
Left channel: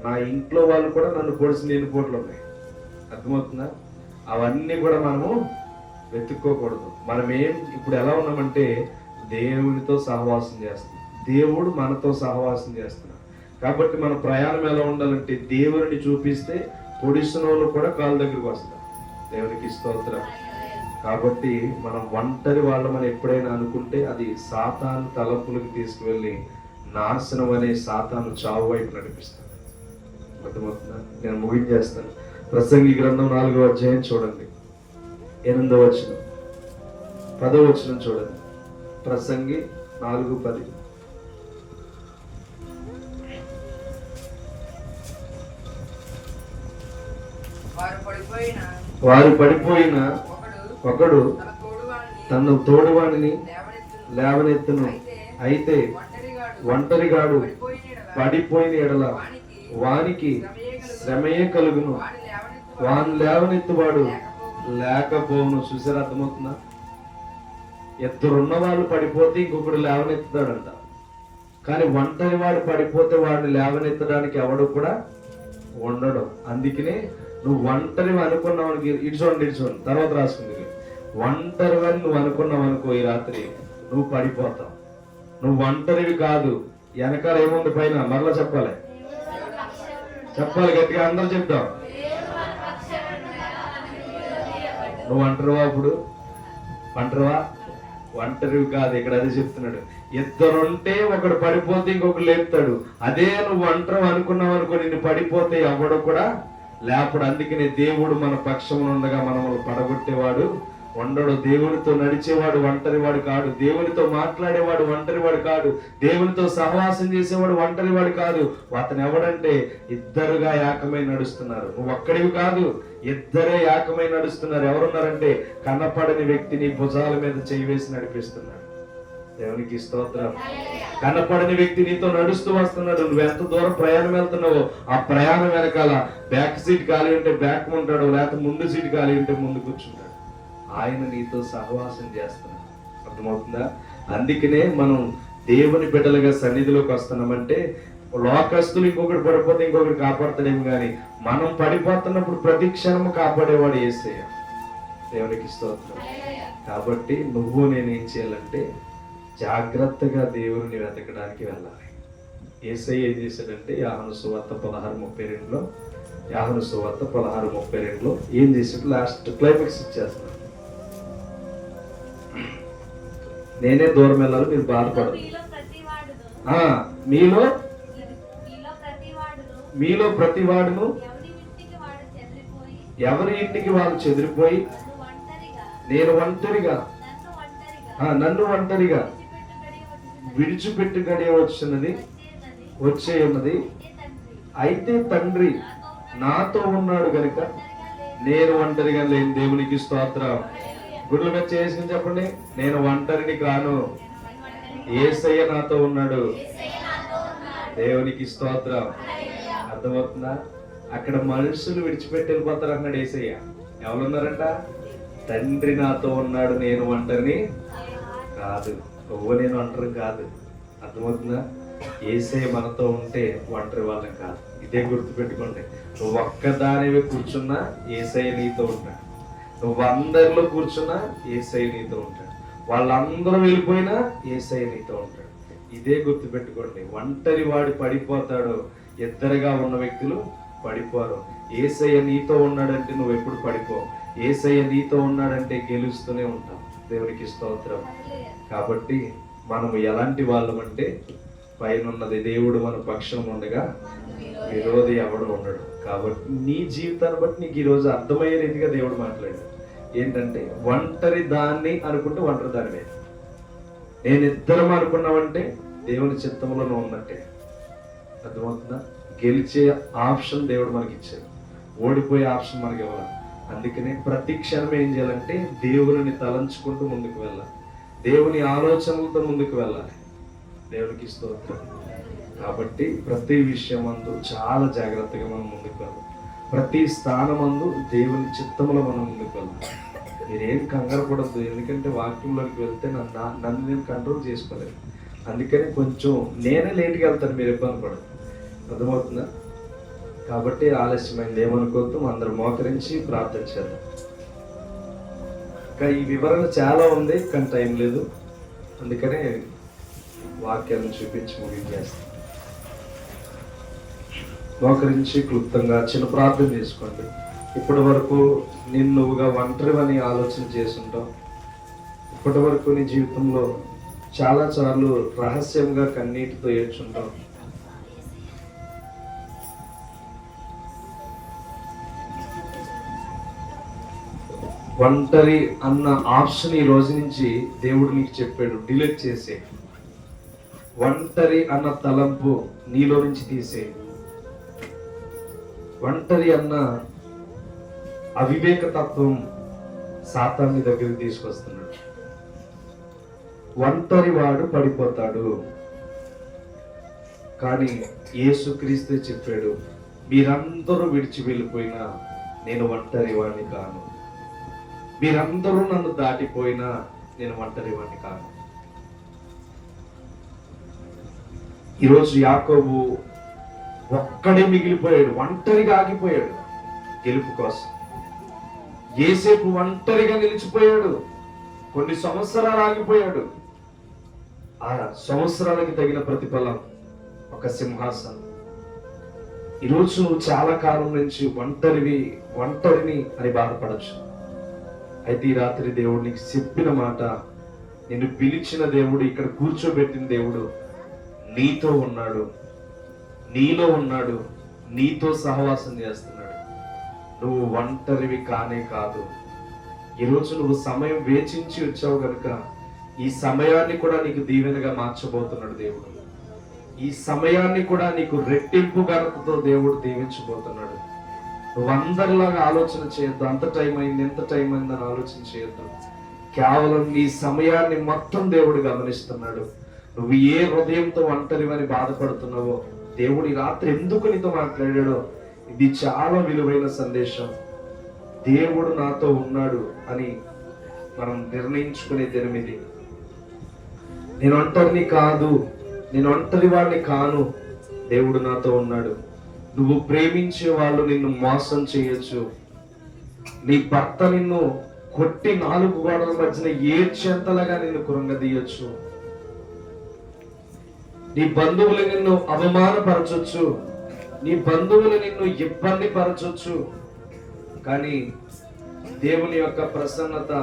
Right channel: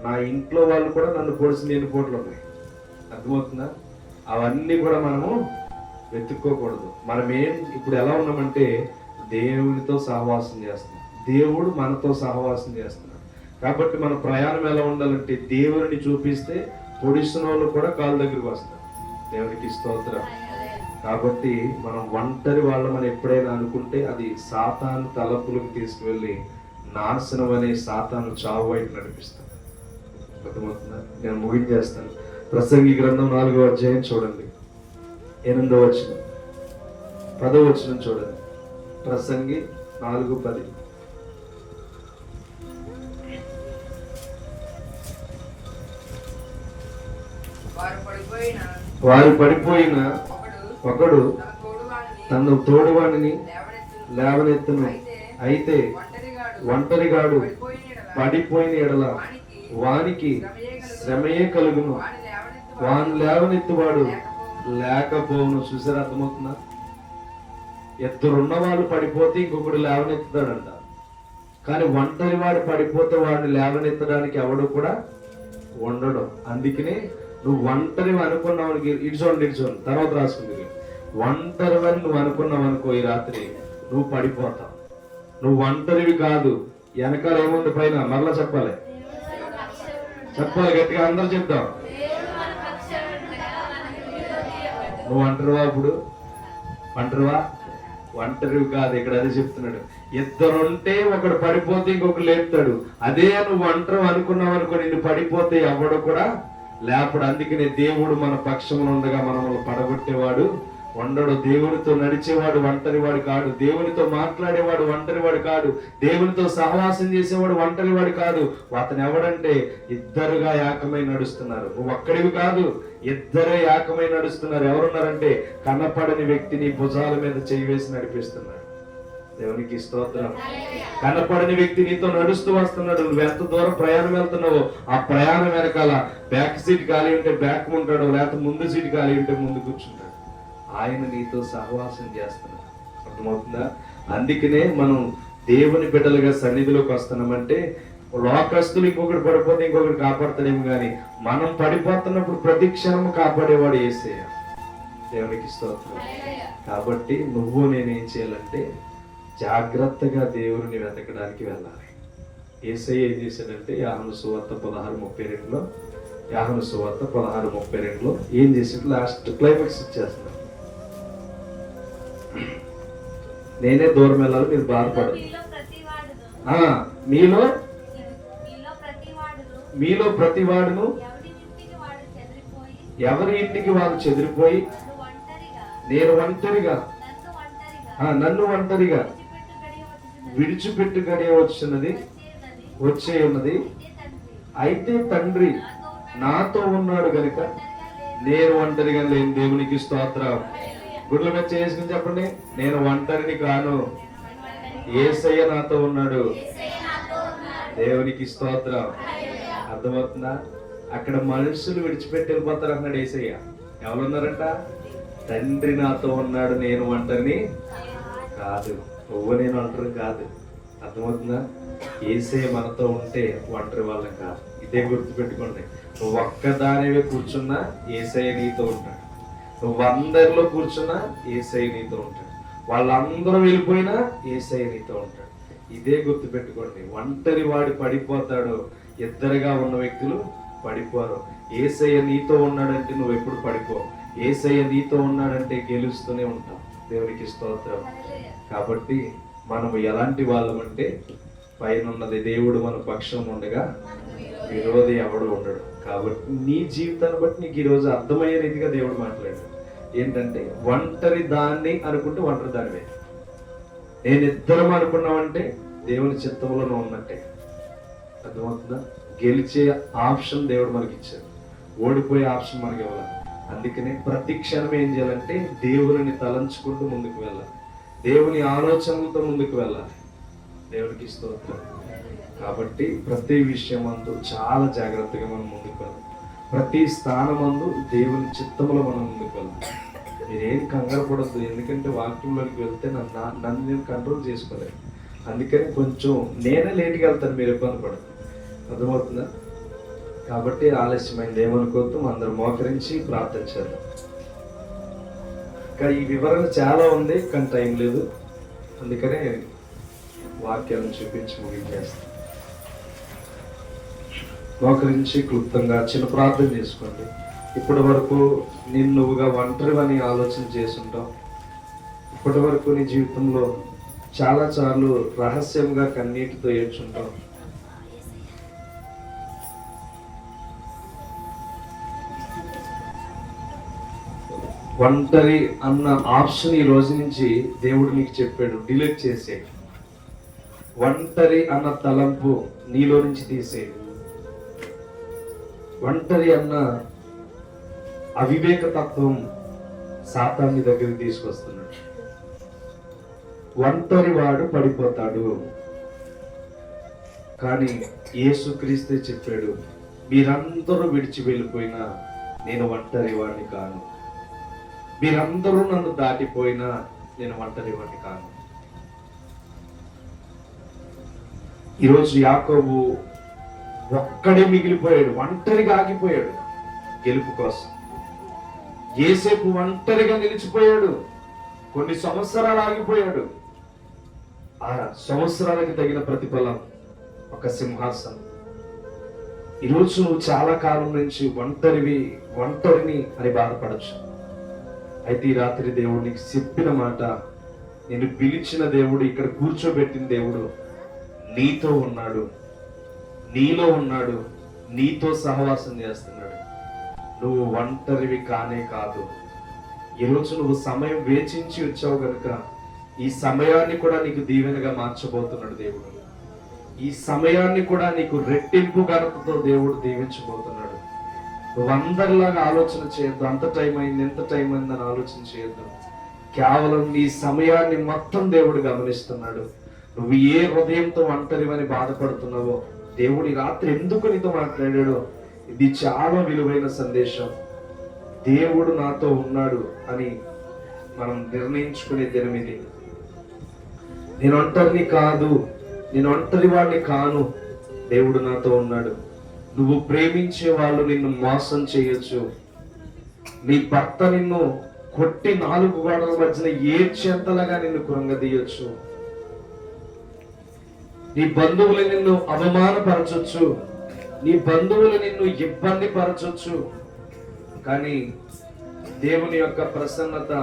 నా ఇంట్లో వాళ్ళు కూడా నన్ను పొడిసిన ఎన్నిపోట్లు ఉన్నాయి. అర్థమవుతుందా? అవన్నీ కూడా మనము వెతుక్కోకూడదు. ఇప్పుడు ఎలా ఉన్నామంటే దేవునితో సహవాసం చేస్తున్నాం, దేవుడు మనతో సహవాసం చేస్తున్నాం. కాబట్టి మన ప్రయాణం ఎలా ఉండాలంటే దేవుని చూపిస్తే పొడిసిన వాళ్ళు కూడా కాళ్ళ దగ్గరికి వస్తారు. దేవునికి స్తోత్రం. కాబట్టి మనం ఒంటరి వాళ్ళమని ఎప్పుడైనా అనుకుంటే అది సాతాను తలపులకు తీసుకువెళ్ళి నాశనం అనే సాతాను చావు వైపు నడిపిస్తాను. అర్థమవుతుందా? నేను ముగించేస్తాను. ప్రసంగి గ్రంథం 4వ అధ్యాయం చూడండి, 8వ వచనం 10వ వచనం చూడండి. ప్రసంగి 4:10. వారు పడిపోయిన ఒకడు తన తోడువాడిని లేవనెత్తును. అయితే ఒంటరిగాడు పడిపోయిన ఎడల వానికి శ్రమయే కలుగును, వాని లేవనెత్తువాడు లేకపోవును. చూసారు? అర్థమవుతుందా? ఎత్తురున్నవాడు పడిపోతే ఇంకొకడు లేవనెత్తుతాడంట. కానీ ఒంటరి వాడు పడిపోతే వాడిని లేవనెత్తడానికి ఎవడు కూడా ఉండడు. అందుకనే నువ్వు ఒంటరి అనుకున్నావు, ఇడ్చోండి తర్వాత రాసుకుంది. ఒంటరి నువ్వు అనుకున్నావు అనుకో, ఈ రాత్రి నువ్వు పడిపోతావు. నువ్వు ఒంటరివి కాదు, వెనకాల ఏముంది పైన మరలా చెప్పాలి గట్టిగా అందరూ చెప్తాం. నువ్వు అంటారువా? ఇప్పుడు అంటారువా? ఒంటరివి కాదు. ఇక్కడ అదే చెప్తున్నాడు. ఇద్దరుంటే ఒకడు పడిపోతే ఇంకొకరు లేపుతాడు. అదే నువ్వు ఒంటరి అనుకున్నావు అనుకో, నిన్ను పడిపోతే ఎవడు కూడా లేపడు. అందుకనే దేవుడు మన పక్షంలో ఉండగా మనల్ని పడగొట్టేవాడు ఉండడు. దేవునితో నడిచేవాడు ఒంటరివాడు కాడు, దేవునితో మాట్లాడేవాడు ఒంటరివాడు కాడు, దేవునితో సహవాసం చేసేవాడు ఒంటరివాడు కాదు. అతను ఎవడంటే ఇద్దరుగా ఏకమై నడుస్తున్నారు. నువ్వు ఒక్కడివి కాదు, ఇద్దరే ఏకమై నడుస్తున్నారు. ఎవరున్నారంటే కనపడని వ్యక్తిని భుజాల మీద చేయి వేసి నడిపిస్తున్నాడు. దేవునికి స్తోత్రం. కనపడని వ్యక్తి నీతో నడుస్తూ వస్తున్నాడు. నువ్వు ఎంత దూరం ప్రయాణం వెళ్తున్నావో ఆ ప్రయాణం వెనకాల బ్యాక్ సీట్ ఖాళీ ఉంటే బ్యాక్ ఉంటాడు, లేకపోతే ముందు సీట్ ఖాళీ ఉంటే ముందు కూర్చుంటాడు. ఆయన నీతో సహవాసం చేస్తున్నాడు. అర్థమవుతుందా? అందుకనే మనం దేవుని బిడ్డలుగా సన్నిధిలోకి వస్తున్నామంటే లోకస్తులు ఇంకొకటి పడిపోతే ఇంకొకటి కాపాడుతాడేమో కానీ మనం పడిపోతున్నప్పుడు ప్రతి క్షణం కాపాడేవాడు యేసయ్య. దేవునికి స్తోత్రం. కాబట్టి నువ్వు నేనేం చేయాలంటే జాగ్రత్తగా దేవుని వెతకడానికి వెళ్ళాలి. యేసయ్య ఏం చేశాడంటే యోహాను సువార్త 16:32లో యోహాను సువార్త 16:32లో ఏం చేసి లాస్ట్ క్లైమాక్స్ ఇచ్చేస్తున్నాడు. నేనే దూరం వెళ్ళాలి, మీరు బాధపడదు. మీలో ప్రతివాడును ఎవరి ఇంటికి వాడు చెదిరిపోయి నేను ఒంటరిగా నన్ను ఒంటరిగా విడిచిపెట్టు గడియ వచ్చే ఉన్నది. అయితే తండ్రి నాతో ఉన్నాడు కనుక నేను ఒంటరిగా లేని. దేవునికి స్తోత్రం. గుడ్ల మీద చేసుకుని చెప్పండి, నేను ఒంటరిని కాను, యేసయ్య నాతో ఉన్నాడు. దేవునికి స్తోత్రం. అర్థమవుతుందా? అక్కడ మనుషులు విడిచిపెట్టి వెళ్ళిపోతారు అన్నాడు యేసయ్య. ఎవరున్నారంట? తండ్రి నాతో ఉన్నాడు, నేను ఒంటరిని కాదు. నువ్వు నేను ఒంటరి కాదు. అర్థమవుతుందా? యేసయ్య మనతో ఉంటే ఒంటరి వాళ్ళం కాదు. ఇదే గుర్తుపెట్టుకోండి. నువ్వు ఒక్కదానివే కూర్చున్నా యేసయ్య నీతో ఉంటాడు. నువ్వు అందరిలో కూర్చున్నా యేసయ్య నీతో ఉంటాడు. వాళ్ళందరూ వెళ్ళిపోయినా యేసయ్య నీతో ఉంటాడు. ఇదే గుర్తుపెట్టుకోండి. ఒంటరి వాడు పడిపోతాడు, ఇద్దరుగా ఉన్న వ్యక్తులు పడిపోరు. యేసయ్య నీతో ఉన్నాడంటే నువ్వు ఎప్పుడు పడిపో. యేసయ్య నీతో ఉన్నాడంటే గెలుస్తూనే ఉంటావు. దేవునికి స్తోత్రం. కాబట్టి మనం ఎలాంటి వాళ్ళం అంటే పైన ఉన్నది దేవుడు మన పక్షం ఉండగా విరోధి ఎవడు ఉండడు. కాబట్టి నీ జీవితాన్ని బట్టి నీకు ఈరోజు అర్థమయ్యే రీతిగా దేవుడు మాట్లాడాడు. ఏంటంటే ఒంటరి దాన్ని అనుకుంటే ఒంటరి దానివే. నేను ఇద్దరం అనుకున్నావంటే దేవుని చిత్తంలో నువ్వు ఉన్నట్టే. అర్థమవుతుందా? గెలిచే ఆప్షన్ దేవుడు మనకి ఇచ్చాడు, ఓడిపోయే ఆప్షన్ మనకి ఇవ్వాలి. అందుకనే ప్రతి క్షణం ఏం చేయాలంటే దేవుని తలంచుకుంటూ ముందుకు వెళ్ళాలి, దేవుని ఆలోచనలతో ముందుకు వెళ్ళాలి. దేవునికి స్తోత్రం. కాబట్టి ప్రతి విషయం అందు చాలా జాగ్రత్తగా మనం ముందుకు వెళ్ళాలి. ప్రతి స్థానమందు దేవుని చిత్తంలో మనం ముందుకు వెళ్ళాలి. మీరేం కంగారు పడద్దు, ఎందుకంటే వాక్యంలోకి వెళ్తే నన్ను నేను కంట్రోల్ చేసుకోలేదు. అందుకని కొంచెం నేనే లేట్గా వెళ్తాను, మీరు ఇబ్బంది పడదు. అర్థమవుతుందా? కాబట్టి ఆలస్యమైంది ఏమనుకోవద్దు. అందరూ మోకరించి ప్రార్థన చేద్దాం. ఇంకా ఈ వివరణ చాలా ఉంది కానీ టైం లేదు, అందుకనే వాక్యాలను చూపించి ముగించేస్తాం. మోకరించి క్లుప్తంగా చిన్న ప్రార్థన చేసుకోండి. ఇప్పటి వరకు నువ్వుగా ఒంటరివని ఆలోచన చేసుంటావు. ఇప్పటి వరకు నీ జీవితంలో చాలా సార్లు రహస్యంగా కన్నీటితో ఏడ్చుంటావు. ఒంటరి అన్న ఆప్షన్ ఈ రోజు నుంచి దేవుడు నీకు చెప్పాడు, డిలీట్ చేసే. ఒంటరి అన్న తలంపు నీలో నుంచి తీసే. ఒంటరి అన్న అవివేక తత్వం సాతాన్ని దగ్గరికి తీసుకొస్తున్నాడు. ఒంటరి వాడు పడిపోతాడు, కానీ యేసుక్రీస్తే చెప్పాడు, మీరందరూ విడిచి వెళ్ళిపోయినా నేను ఒంటరి వాడిని కాను, మీరందరూ నన్ను దాటిపోయినా నేను ఒంటరి వాడిని కాను. ఈరోజు యాకోబు ఒక్కడే మిగిలిపోయాడు, ఒంటరిగా ఆగిపోయాడు గెలుపు కోసం. యేసేపు ఒంటరిగా నిలిచిపోయాడు, కొన్ని సంవత్సరాలు ఆగిపోయాడు. ఆ సంవత్సరాలకి తగిన ప్రతిఫలం ఒక సింహాసనం. ఈరోజు నువ్వు చాలా కాలం నుంచి ఒంటరిని అని బాధపడచ్చు. అయితే ఈ రాత్రి దేవుడు నీకు చెప్పిన మాట, నేను పిలిచిన దేవుడు, ఇక్కడ కూర్చోబెట్టిన దేవుడు నీతో ఉన్నాడు, నీలో ఉన్నాడు, నీతో సహవాసం చేస్తున్నాడు. నువ్వు ఒంటరివి కానే కాదు. ఈరోజు నువ్వు సమయం వేచించి వచ్చావు కనుక ఈ సమయాన్ని కూడా నీకు దీవెనగా మార్చబోతున్నాడు దేవుడు. ఈ సమయాన్ని కూడా నీకు రెట్టింపు ఘనతతో దేవుడు దీవించబోతున్నాడు. నువ్వు అందరిలాగా ఆలోచన చేయొద్దు, అంత టైం అయింది ఎంత టైం అయింది అని ఆలోచన చేయొద్దు. కేవలం నీ సమయాన్ని మొత్తం దేవుడు గమనిస్తున్నాడు. నువ్వు ఏ హృదయంతో ఒంటరివని బాధపడుతున్నావో దేవుడు ఈ రాత్రి ఎందుకు నీతో మాట్లాడాడో ఇది చాలా విలువైన సందేశం. దేవుడు నాతో ఉన్నాడు అని మనం నిర్ణయించుకునే దినం ఇది. నేను ఒంటరిని కాదు, నేను ఒంటరి వాడిని కాను, దేవుడు నాతో ఉన్నాడు. నువ్వు ప్రేమించే వాళ్ళు నిన్ను మోసం చేయొచ్చు, నీ భర్త నిన్ను కొట్టి 4 గోడల మధ్యన ఏడ్చేంతలాగా నిన్ను కృంగదీయొచ్చు, నీ బంధువులు నిన్ను అవమానపరచొచ్చు, నీ బంధువులు నిన్ను ఇబ్బంది పరచొచ్చు. కానీ దేవుని యొక్క ప్రసన్నత,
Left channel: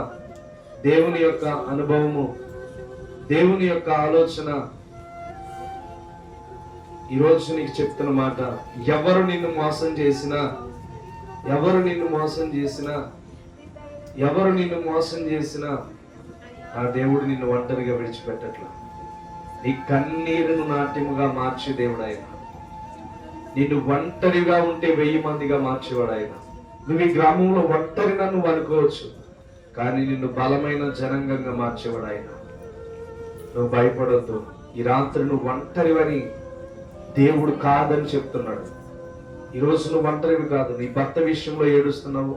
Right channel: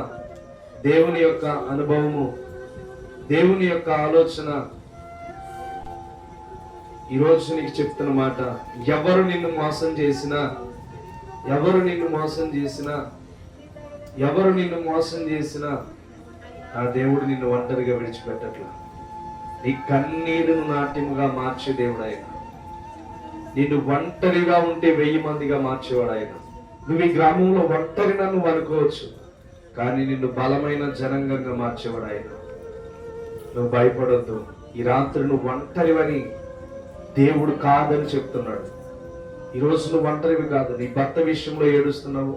దేవుని యొక్క అనుభవము, దేవుని యొక్క ఆలోచన ఈరోజు నీకు చెప్తున్న మాట, ఎవరు నిన్ను మోసం చేసినా, ఎవరు నిన్ను మోసం చేసినా, ఎవరు నిన్ను మోసం చేసినా ఆ దేవుడు నిన్ను ఒంటరిగా విడిచిపెట్టట్లా. నీ కన్నీరును నాట్యముగా మార్చే దేవుడు ఆయన. నిన్ను ఒంటరిగా ఉంటే 1000 మందిగా మార్చేవాడు ఆయన. నువ్వు ఈ గ్రామంలో ఒంటరిగా నువ్వు అనుకోవచ్చు, కానీ నిన్ను బలమైన జనాంగంగా మార్చేవాడు ఆయన. నువ్వు భయపడొద్దు. ఈ రాత్రి నువ్వు ఒంటరివని దేవుడు కాదని చెప్తున్నాడు. ఈరోజు నువ్వు ఒంటరివి కాదు. నీ భర్త విషయంలో ఏడుస్తున్నావు,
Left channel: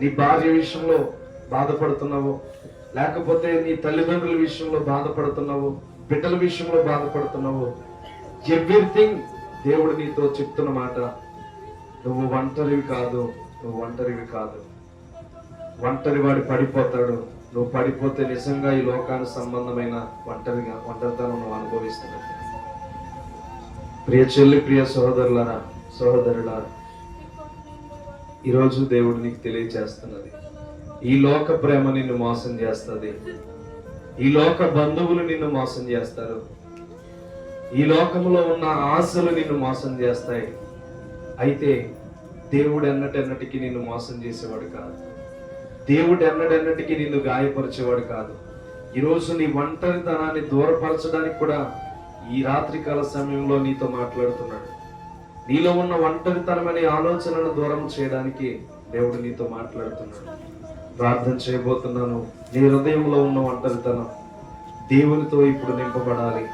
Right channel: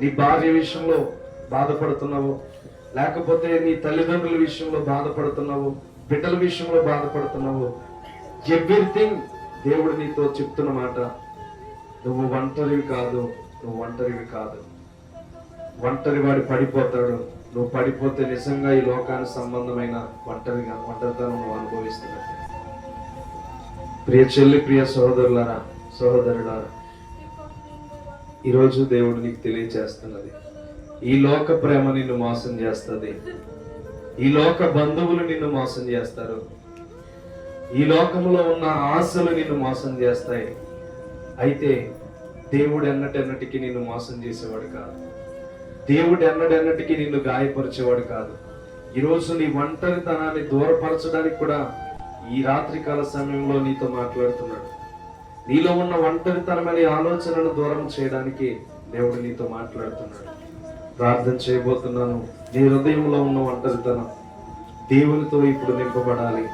నీ భార్య విషయంలో బాధపడుతున్నావు, లేకపోతే నీ తల్లిదండ్రుల విషయంలో బాధపడుతున్నావు, బిడ్డల విషయంలో బాధపడుతున్నావు. ఎవ్రీథింగ్ దేవుడు నీతో చెప్తున్న మాట, నువ్వు ఒంటరివి కాదు, నువ్వు ఒంటరివి కాదు. ఒంటరి వాడు పడిపోతాడు. నువ్వు పడిపోతే నిజంగా ఈ లోకానికి సంబంధమైన ఒంటరితనం నువ్వు అనుభవిస్తున్నావు. ప్రియ చెల్లి, ప్రియ సహోదరులారా, సహోదరులారా, ఈరోజు దేవుడు నీకు తెలియజేస్తున్నది, ఈ లోక ప్రేమ నిన్ను మోసం చేస్తుంది, ఈ లోక బంధువులు నిన్ను మోసం చేస్తారు, ఈ లోకంలో ఉన్న ఆశలు నిన్ను మోసం చేస్తాయి. అయితే దేవుడు ఎన్నటెన్నటికీ నిన్ను మోసం చేసేవాడు కాదు. దేవుడు ఎన్నటెన్నటికీ నిన్ను గాయపరిచేవాడు కాదు. ఈరోజు నీ ఒంటరితనాన్ని దూరపరచడానికి కూడా ఈ రాత్రికాల సమయంలో నీతో మాట్లాడుతున్నాడు. నీలో ఉన్న ఒంటరితనం అనే ఆలోచనను దూరం చేయడానికి దేవుడు నీతో మాట్లాడుతున్నాడు. ప్రార్థన చేయబోతున్నాను. నీ హృదయంలో ఉన్న ఒంటరితనం దేవునితో ఇప్పుడు నింపబడాలి.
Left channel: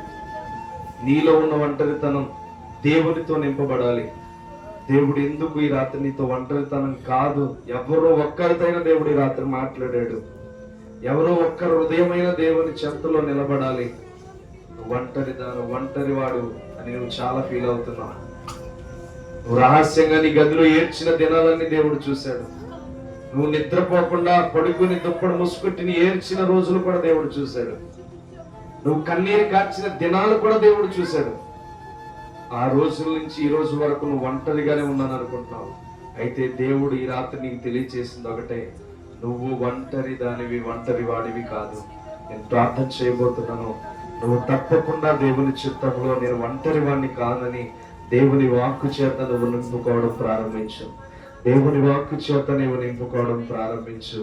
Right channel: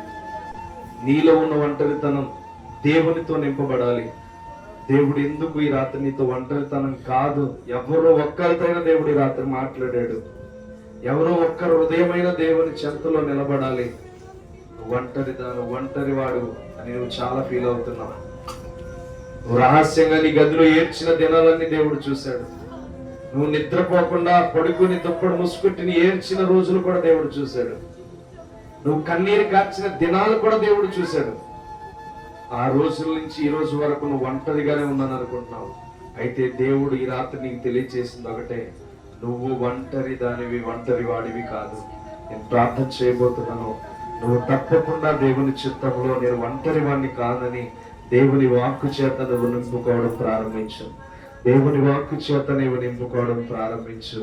నీలో ఉన్న ఒంటరితనం దేవునితో నింపబడాలి. దేవుడు ఎందుకు ఈ రాత్రి నీతో ఒంటరితనం కాదు, ఎవరో ఒక్కరితైనా దేవుడు ఈ రాత్రి మాట్లాడాడు. ఎవరో ఒక్క హృదయమైన దేవుని చెంతలో నిలబడాలి. ఒంటరి వాడు అని నువ్వు చాలా ఫీల్ అవుతున్నావు. నువ్వు రహస్యంగా నీ గదిలో ఏడ్చిన దినాలన్నీ దేవుడు చూశాడు. నువ్వు నిద్రపోకుండా పడుకుని దుప్పడు ముసుగుట్టుని ఏడ్చిన రోజులు కూడా దేవుడు చూశాడు. నువ్వు కన్నీరు కార్చిన దినాలు కూడా దేవుడు చూశాడు. ఆ రోజుల నుంచి ఈ రోజు వరకు నువ్వు ఒంటరిగానే ఉన్నాను అనుకుంటున్నావు. అయితే దేవుడు ఈ రాత్రి నీకు తెలియజేసింది ఒకటే, నువ్వు ఒంటరి దానివి, ఒంటరి వాడివి కాదు. నేను ప్రార్థన చేయబోతున్నాను. నువ్వు తప్పకుండా దేవుని చిత్తంలో నేను ఒంటరి వాడిని కాదని దేవుని వాక్కు చేత నువ్వు నింపుకోవడం ప్రారంభించు. దేవుని వాక్కు చేత నువ్వు నింపుకోవడం ప్రారంభించు.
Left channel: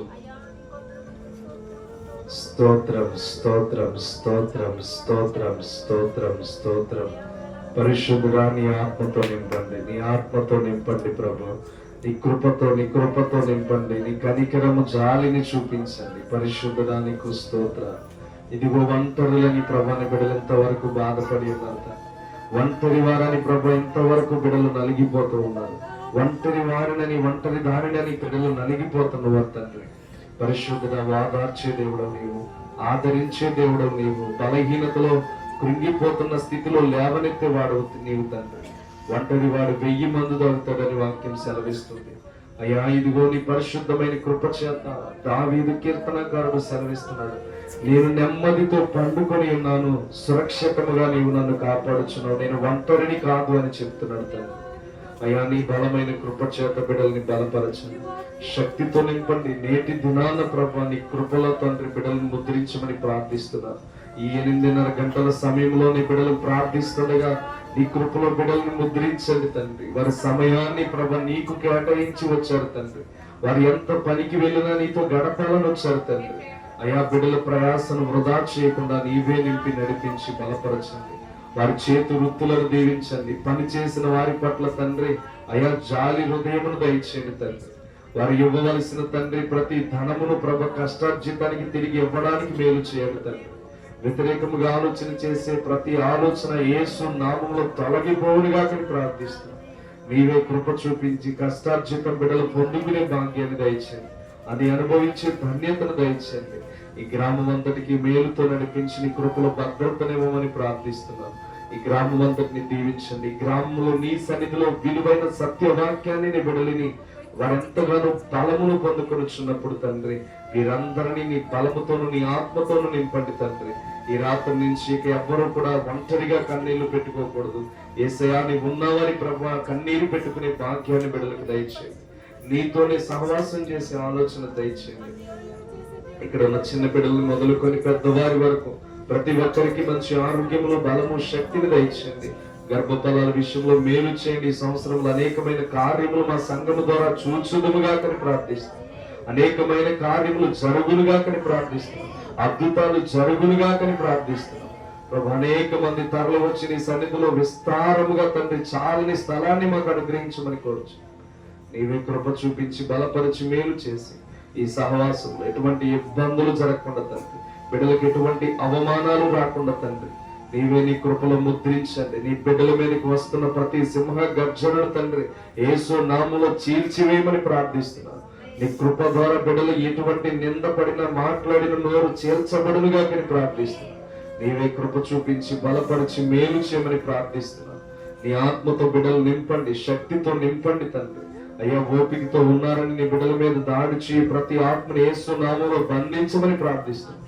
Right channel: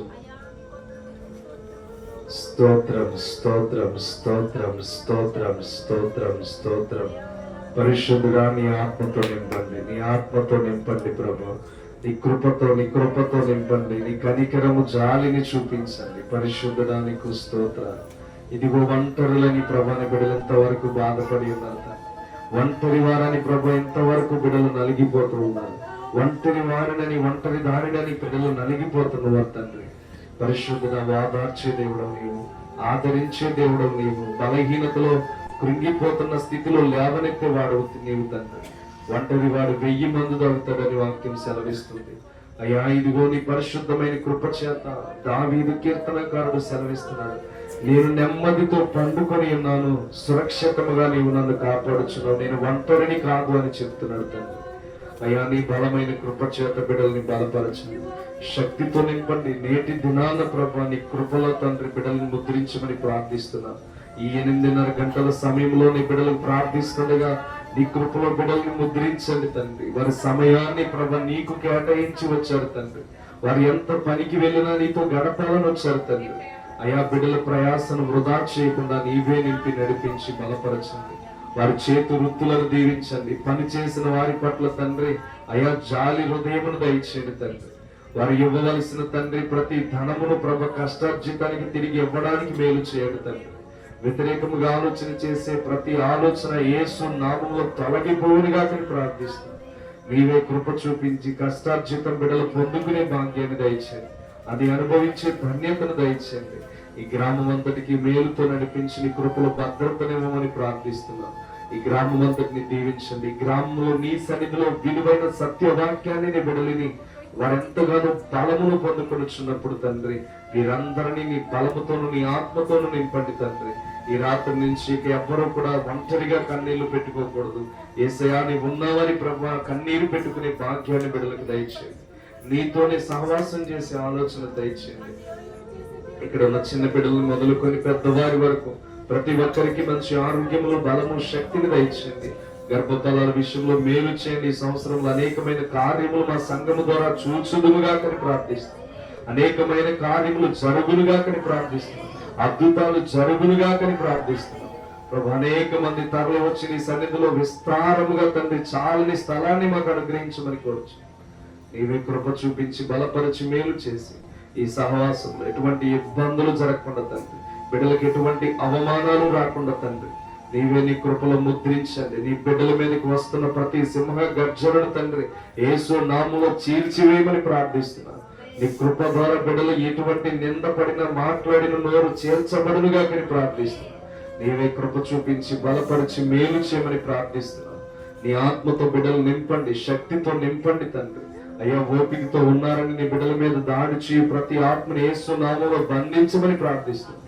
స్తోత్రం, స్తోత్రం, స్తోత్రం, స్తోత్రం, స్తోత్రం, స్తోత్రం. పరిశుద్ధుగా నీ ఆత్మతో నింపండి, నీ ఆత్మతో నింపండి ప్రభు. నీ కృపతో నింపండి. నీ కనికరము జాలిని చూపించండి. పరిశుద్ధుడా నీకు స్తోత్ర. ఇదిగో ఒంటరులని ప్రభాని బిడ్డలు ఎంతవరకు బాధపడి ఉన్నారు. ఒంటరి వారని ప్రభు ఎంతవరకు బిడ్డలు నలిగిపోతూ ఉన్నారు. ఒంటరి వారినని, ఒంటరి దారినని బిడ్డలు నలిగిపోతున్నారు తండ్రి. పరిశుద్ధుడా వాదార్చే దేవుడు నీవు, ఆదరించే దేవుడు నీవు. బలహీనతలో కృంగిపోతున్న స్థితిలో లేవనెత్తే వాడు నీవు తండ్రి. ఒంటరి వాడు 1000 మంది దొరుకుతాడని వాక్యం సెలవిస్తుంది. అయ్యా, ఇదిగో నీ పరిశుద్ధమైన కృప చేత దావీదు కీర్తనకారుడు సెలవిస్తున్నాడు, నేను నెమ్మదితో పండుకొని ఉన్నాను, సురక్షితముగా నీవు నన్ను కాపాడుచున్నావు, నేను ఒంటరిని కాదు అని చెప్తున్నాడు తండ్రి. అయ్యా, నీ బలమైన కృప చేత బిడ్డల్ని బలపరచండి, శక్తితో నింపండి. నేటి దినాన ప్రభు నీ కృపలో తండ్రి బిడ్డల్ని ముద్రించమని ప్రార్థిస్తున్నా. ఈ 8:30 గంటల సమయంలో నీ బిడ్డలు ప్రార్థిస్తుండగా నీ కృపలో బిడ్డల్ని ముద్రించండి తండ్రి. వారి సమయాన్ని ప్రభు నీకు కేటాయించి వచ్చారు తండ్రి. వారు ఎంత పనికి వెళ్ళినా నీతో గడపాలని వచ్చారు తండ్రి. అయా బిడ్డల ప్రయాసను వృధా చేయకుండా నీవే నింపి నడిపించి బలపరచండి. వారి చేతు వృత్తులను దీవించండి. పని చేసిన వారి పట్ల తండ్రి అయా జాలి హృదయమును దయచేయండి తండ్రి. వారు ఇవ్వవలసిన తండ్రి ప్రతి ధనమును ప్రభ కష్టార్జితానికి తిరిగి ఇవ్వడానికి మేలు చేయండి తండ్రి. వ్యతిరేకముగా ఆలోచన చేసే ప్రతి ఆలోచన యేసు నామములో తొలగిపోవునుగా ప్రార్థిస్తున్నాం. నీవే కృప చూపించి కష్టార్జితం బిడ్డలు పొందుకునే భాగ్యాన్ని దయచేయండి. అది అనుభవించే ధన్యతను దయచేయండి. ఈ గ్రామం అంతటికి మేలుతో నడిపించి నీ కృపలో భద్రతనివ్వమని ప్రార్థిస్తున్నాం. ఈ గ్రామం అంతటిని దీవించండి. ఈ గ్రామంలో నీ సన్నిధిలో విలువైన సత్యవాక్యాన్ని నీ బిడ్డలిని వారెంతగానో బలమును పొందుకొనిచున్నప్పుడు తండ్రి వీరందరినీ నీ బలముతోను నీ ఆత్మతోను నింపండి తండ్రి. ఈ రాత్రి నుంచి ఇక ఎవ్వరూ కూడా ఒంటరిగా కన్నీళ్లు పెట్టుకోకూడదు. యేసయ్యా నీ ఉన్నావని ప్రభా కన్నీరు పెట్టుకునే భాగ్యాన్ని బిడ్డలకు దయచేయండి. నీతోనే సహవాసం చేసే ఆలోచన దయచేయండి. ఇక్కడ ఉన్న చిన్న బిడ్డలు మొదలుకొని పెద్దవారి వరకు ప్రతి ఒక్కరికి మంచి ఆరోగ్యములో బలము శక్తిని దయచేయండి. గర్భఫలాల విషయంలో మేలు చేయండి. ఈ సంవత్సరంలో అనేకమైన కార్యములు మా సంఘము ద్వారా చూచుదుముగా ప్రార్థిస్తాం. అనేకమైన కార్యములు జరుగులుగా ప్రార్థిస్తున్నాం. అద్భుతాలు జరుగులుగా ప్రార్థిస్తున్నాం. ప్రభు అనేక మంది తరలి వచ్చి నీ సన్నిధిలో విస్తారముగా తండ్రి చాలని స్థలాన్ని మాకు అనుగ్రహించమని కోరుచు. నీవే కృప చూపించి బలపరిచి మేలు చేసి ఈ సహవాసంలో ఎటువంటి ఇబ్బందులు జరగకుండా తండ్రి, బిడ్డలకు ఎటువంటి అవమానాలు రాకుండా తండ్రి నీవే నీ కృపలో ముద్రించండి. నీ బిడ్డల మీదకి వస్తున్న ప్రతి సింహ గర్జనను తండ్రి యేసు నామములో చీల్చివేయమని ప్రార్థిస్తున్నాను. నీ కృప ద్వారా బిడ్డలు ఎటువంటి నిందపడిన మాట్లాడిన నోరు చేర్చబడునుగా ప్రార్థిస్తున్నాను. నీవే కృప చూపించి బలపరిచి మేలు చేయమని ప్రార్థిస్తున్నాను. నీ ఆత్మతో బిడ్డలు నింపండి, శక్తితో నింపండి తండ్రి. అయ్యా ఓపికతో ఉన్నారని నీ బిడ్డల మీద దాడి చేయి ప్రతి ఆత్మని యేసు నామములో బంధించమని ప్రార్థిస్తున్నాను.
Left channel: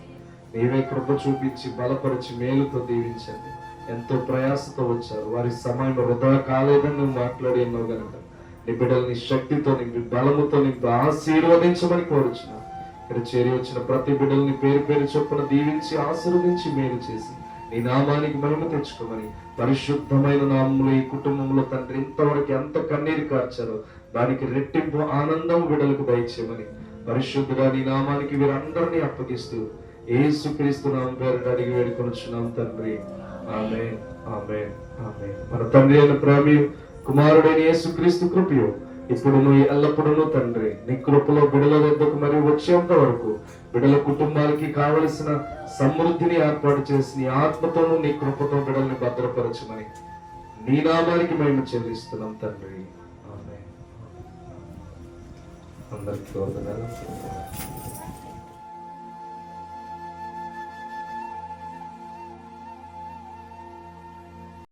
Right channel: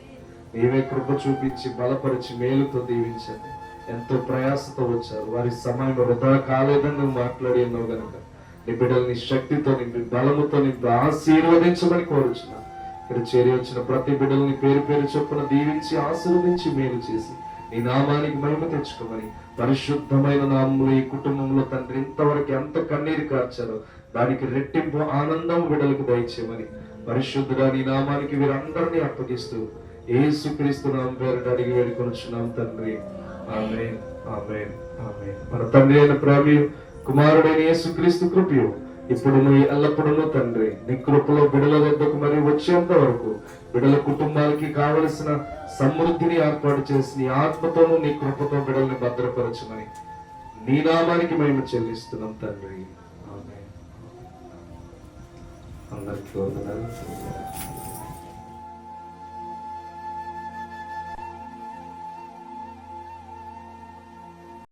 నీవే కృప చూపించి బలపరిచి మేలుతో దీవించండి. ఎంతో ప్రయాసతో వచ్చారు, వారి సమయం వృధా కాలేదని నువ్వు మాట్లాడి ఉన్నావు కనుక నీ బిడ్డల్ని శక్తితో నింపి బలముతో నింపి ఆశీర్వదించమని కోరుచున్నాను. ఇక్కడ చేరి వచ్చిన ప్రతి బిడ్డల్ని పేరు పేరు చొప్పున దీవించి ఆశీర్వదించి మేలు చేసి నీ నామానికి మహిమ తెచ్చుకోమని పరిశుద్ధమైన నామములు ఈ కుటుంబంలో తండ్రి ఇంతవరకు ఎంత కన్నీరు కార్చారో దానికి రెట్టింపు ఆనందం బిడ్డలకు దయచేయమని పరిశుద్ధుడా నీ నామానికి వీరందరినీ అప్పగిస్తూ యేసుక్రీస్తు నామం పేరిట అడిగి వేడుకొనుచున్నాం తండ్రి. ఆమేన్, ఆమేన్, ఆమేన్. మన తండ్రి అయిన ప్రేమయు కుమారుడైన యేసుక్రీస్తు కృపయు ఇప్పుడు మీ ఎల్లప్పుడూ తండ్రి నీ కృపలో బిడ్డల వద్దకు మరియు వచ్చేంత వరకు బిడ్డల కుటుంబాలకి కావలసిన సమృద్ధిని ఏర్పాటు చేసి నీ ఆత్మతోనూ నీ కృపతో బిడ్డల్ని భద్రపరచమని నీ నామానికి మేము చెల్లిస్తున్నాం తండ్రి. ఆమేన్. అందరికీ వందనాలు.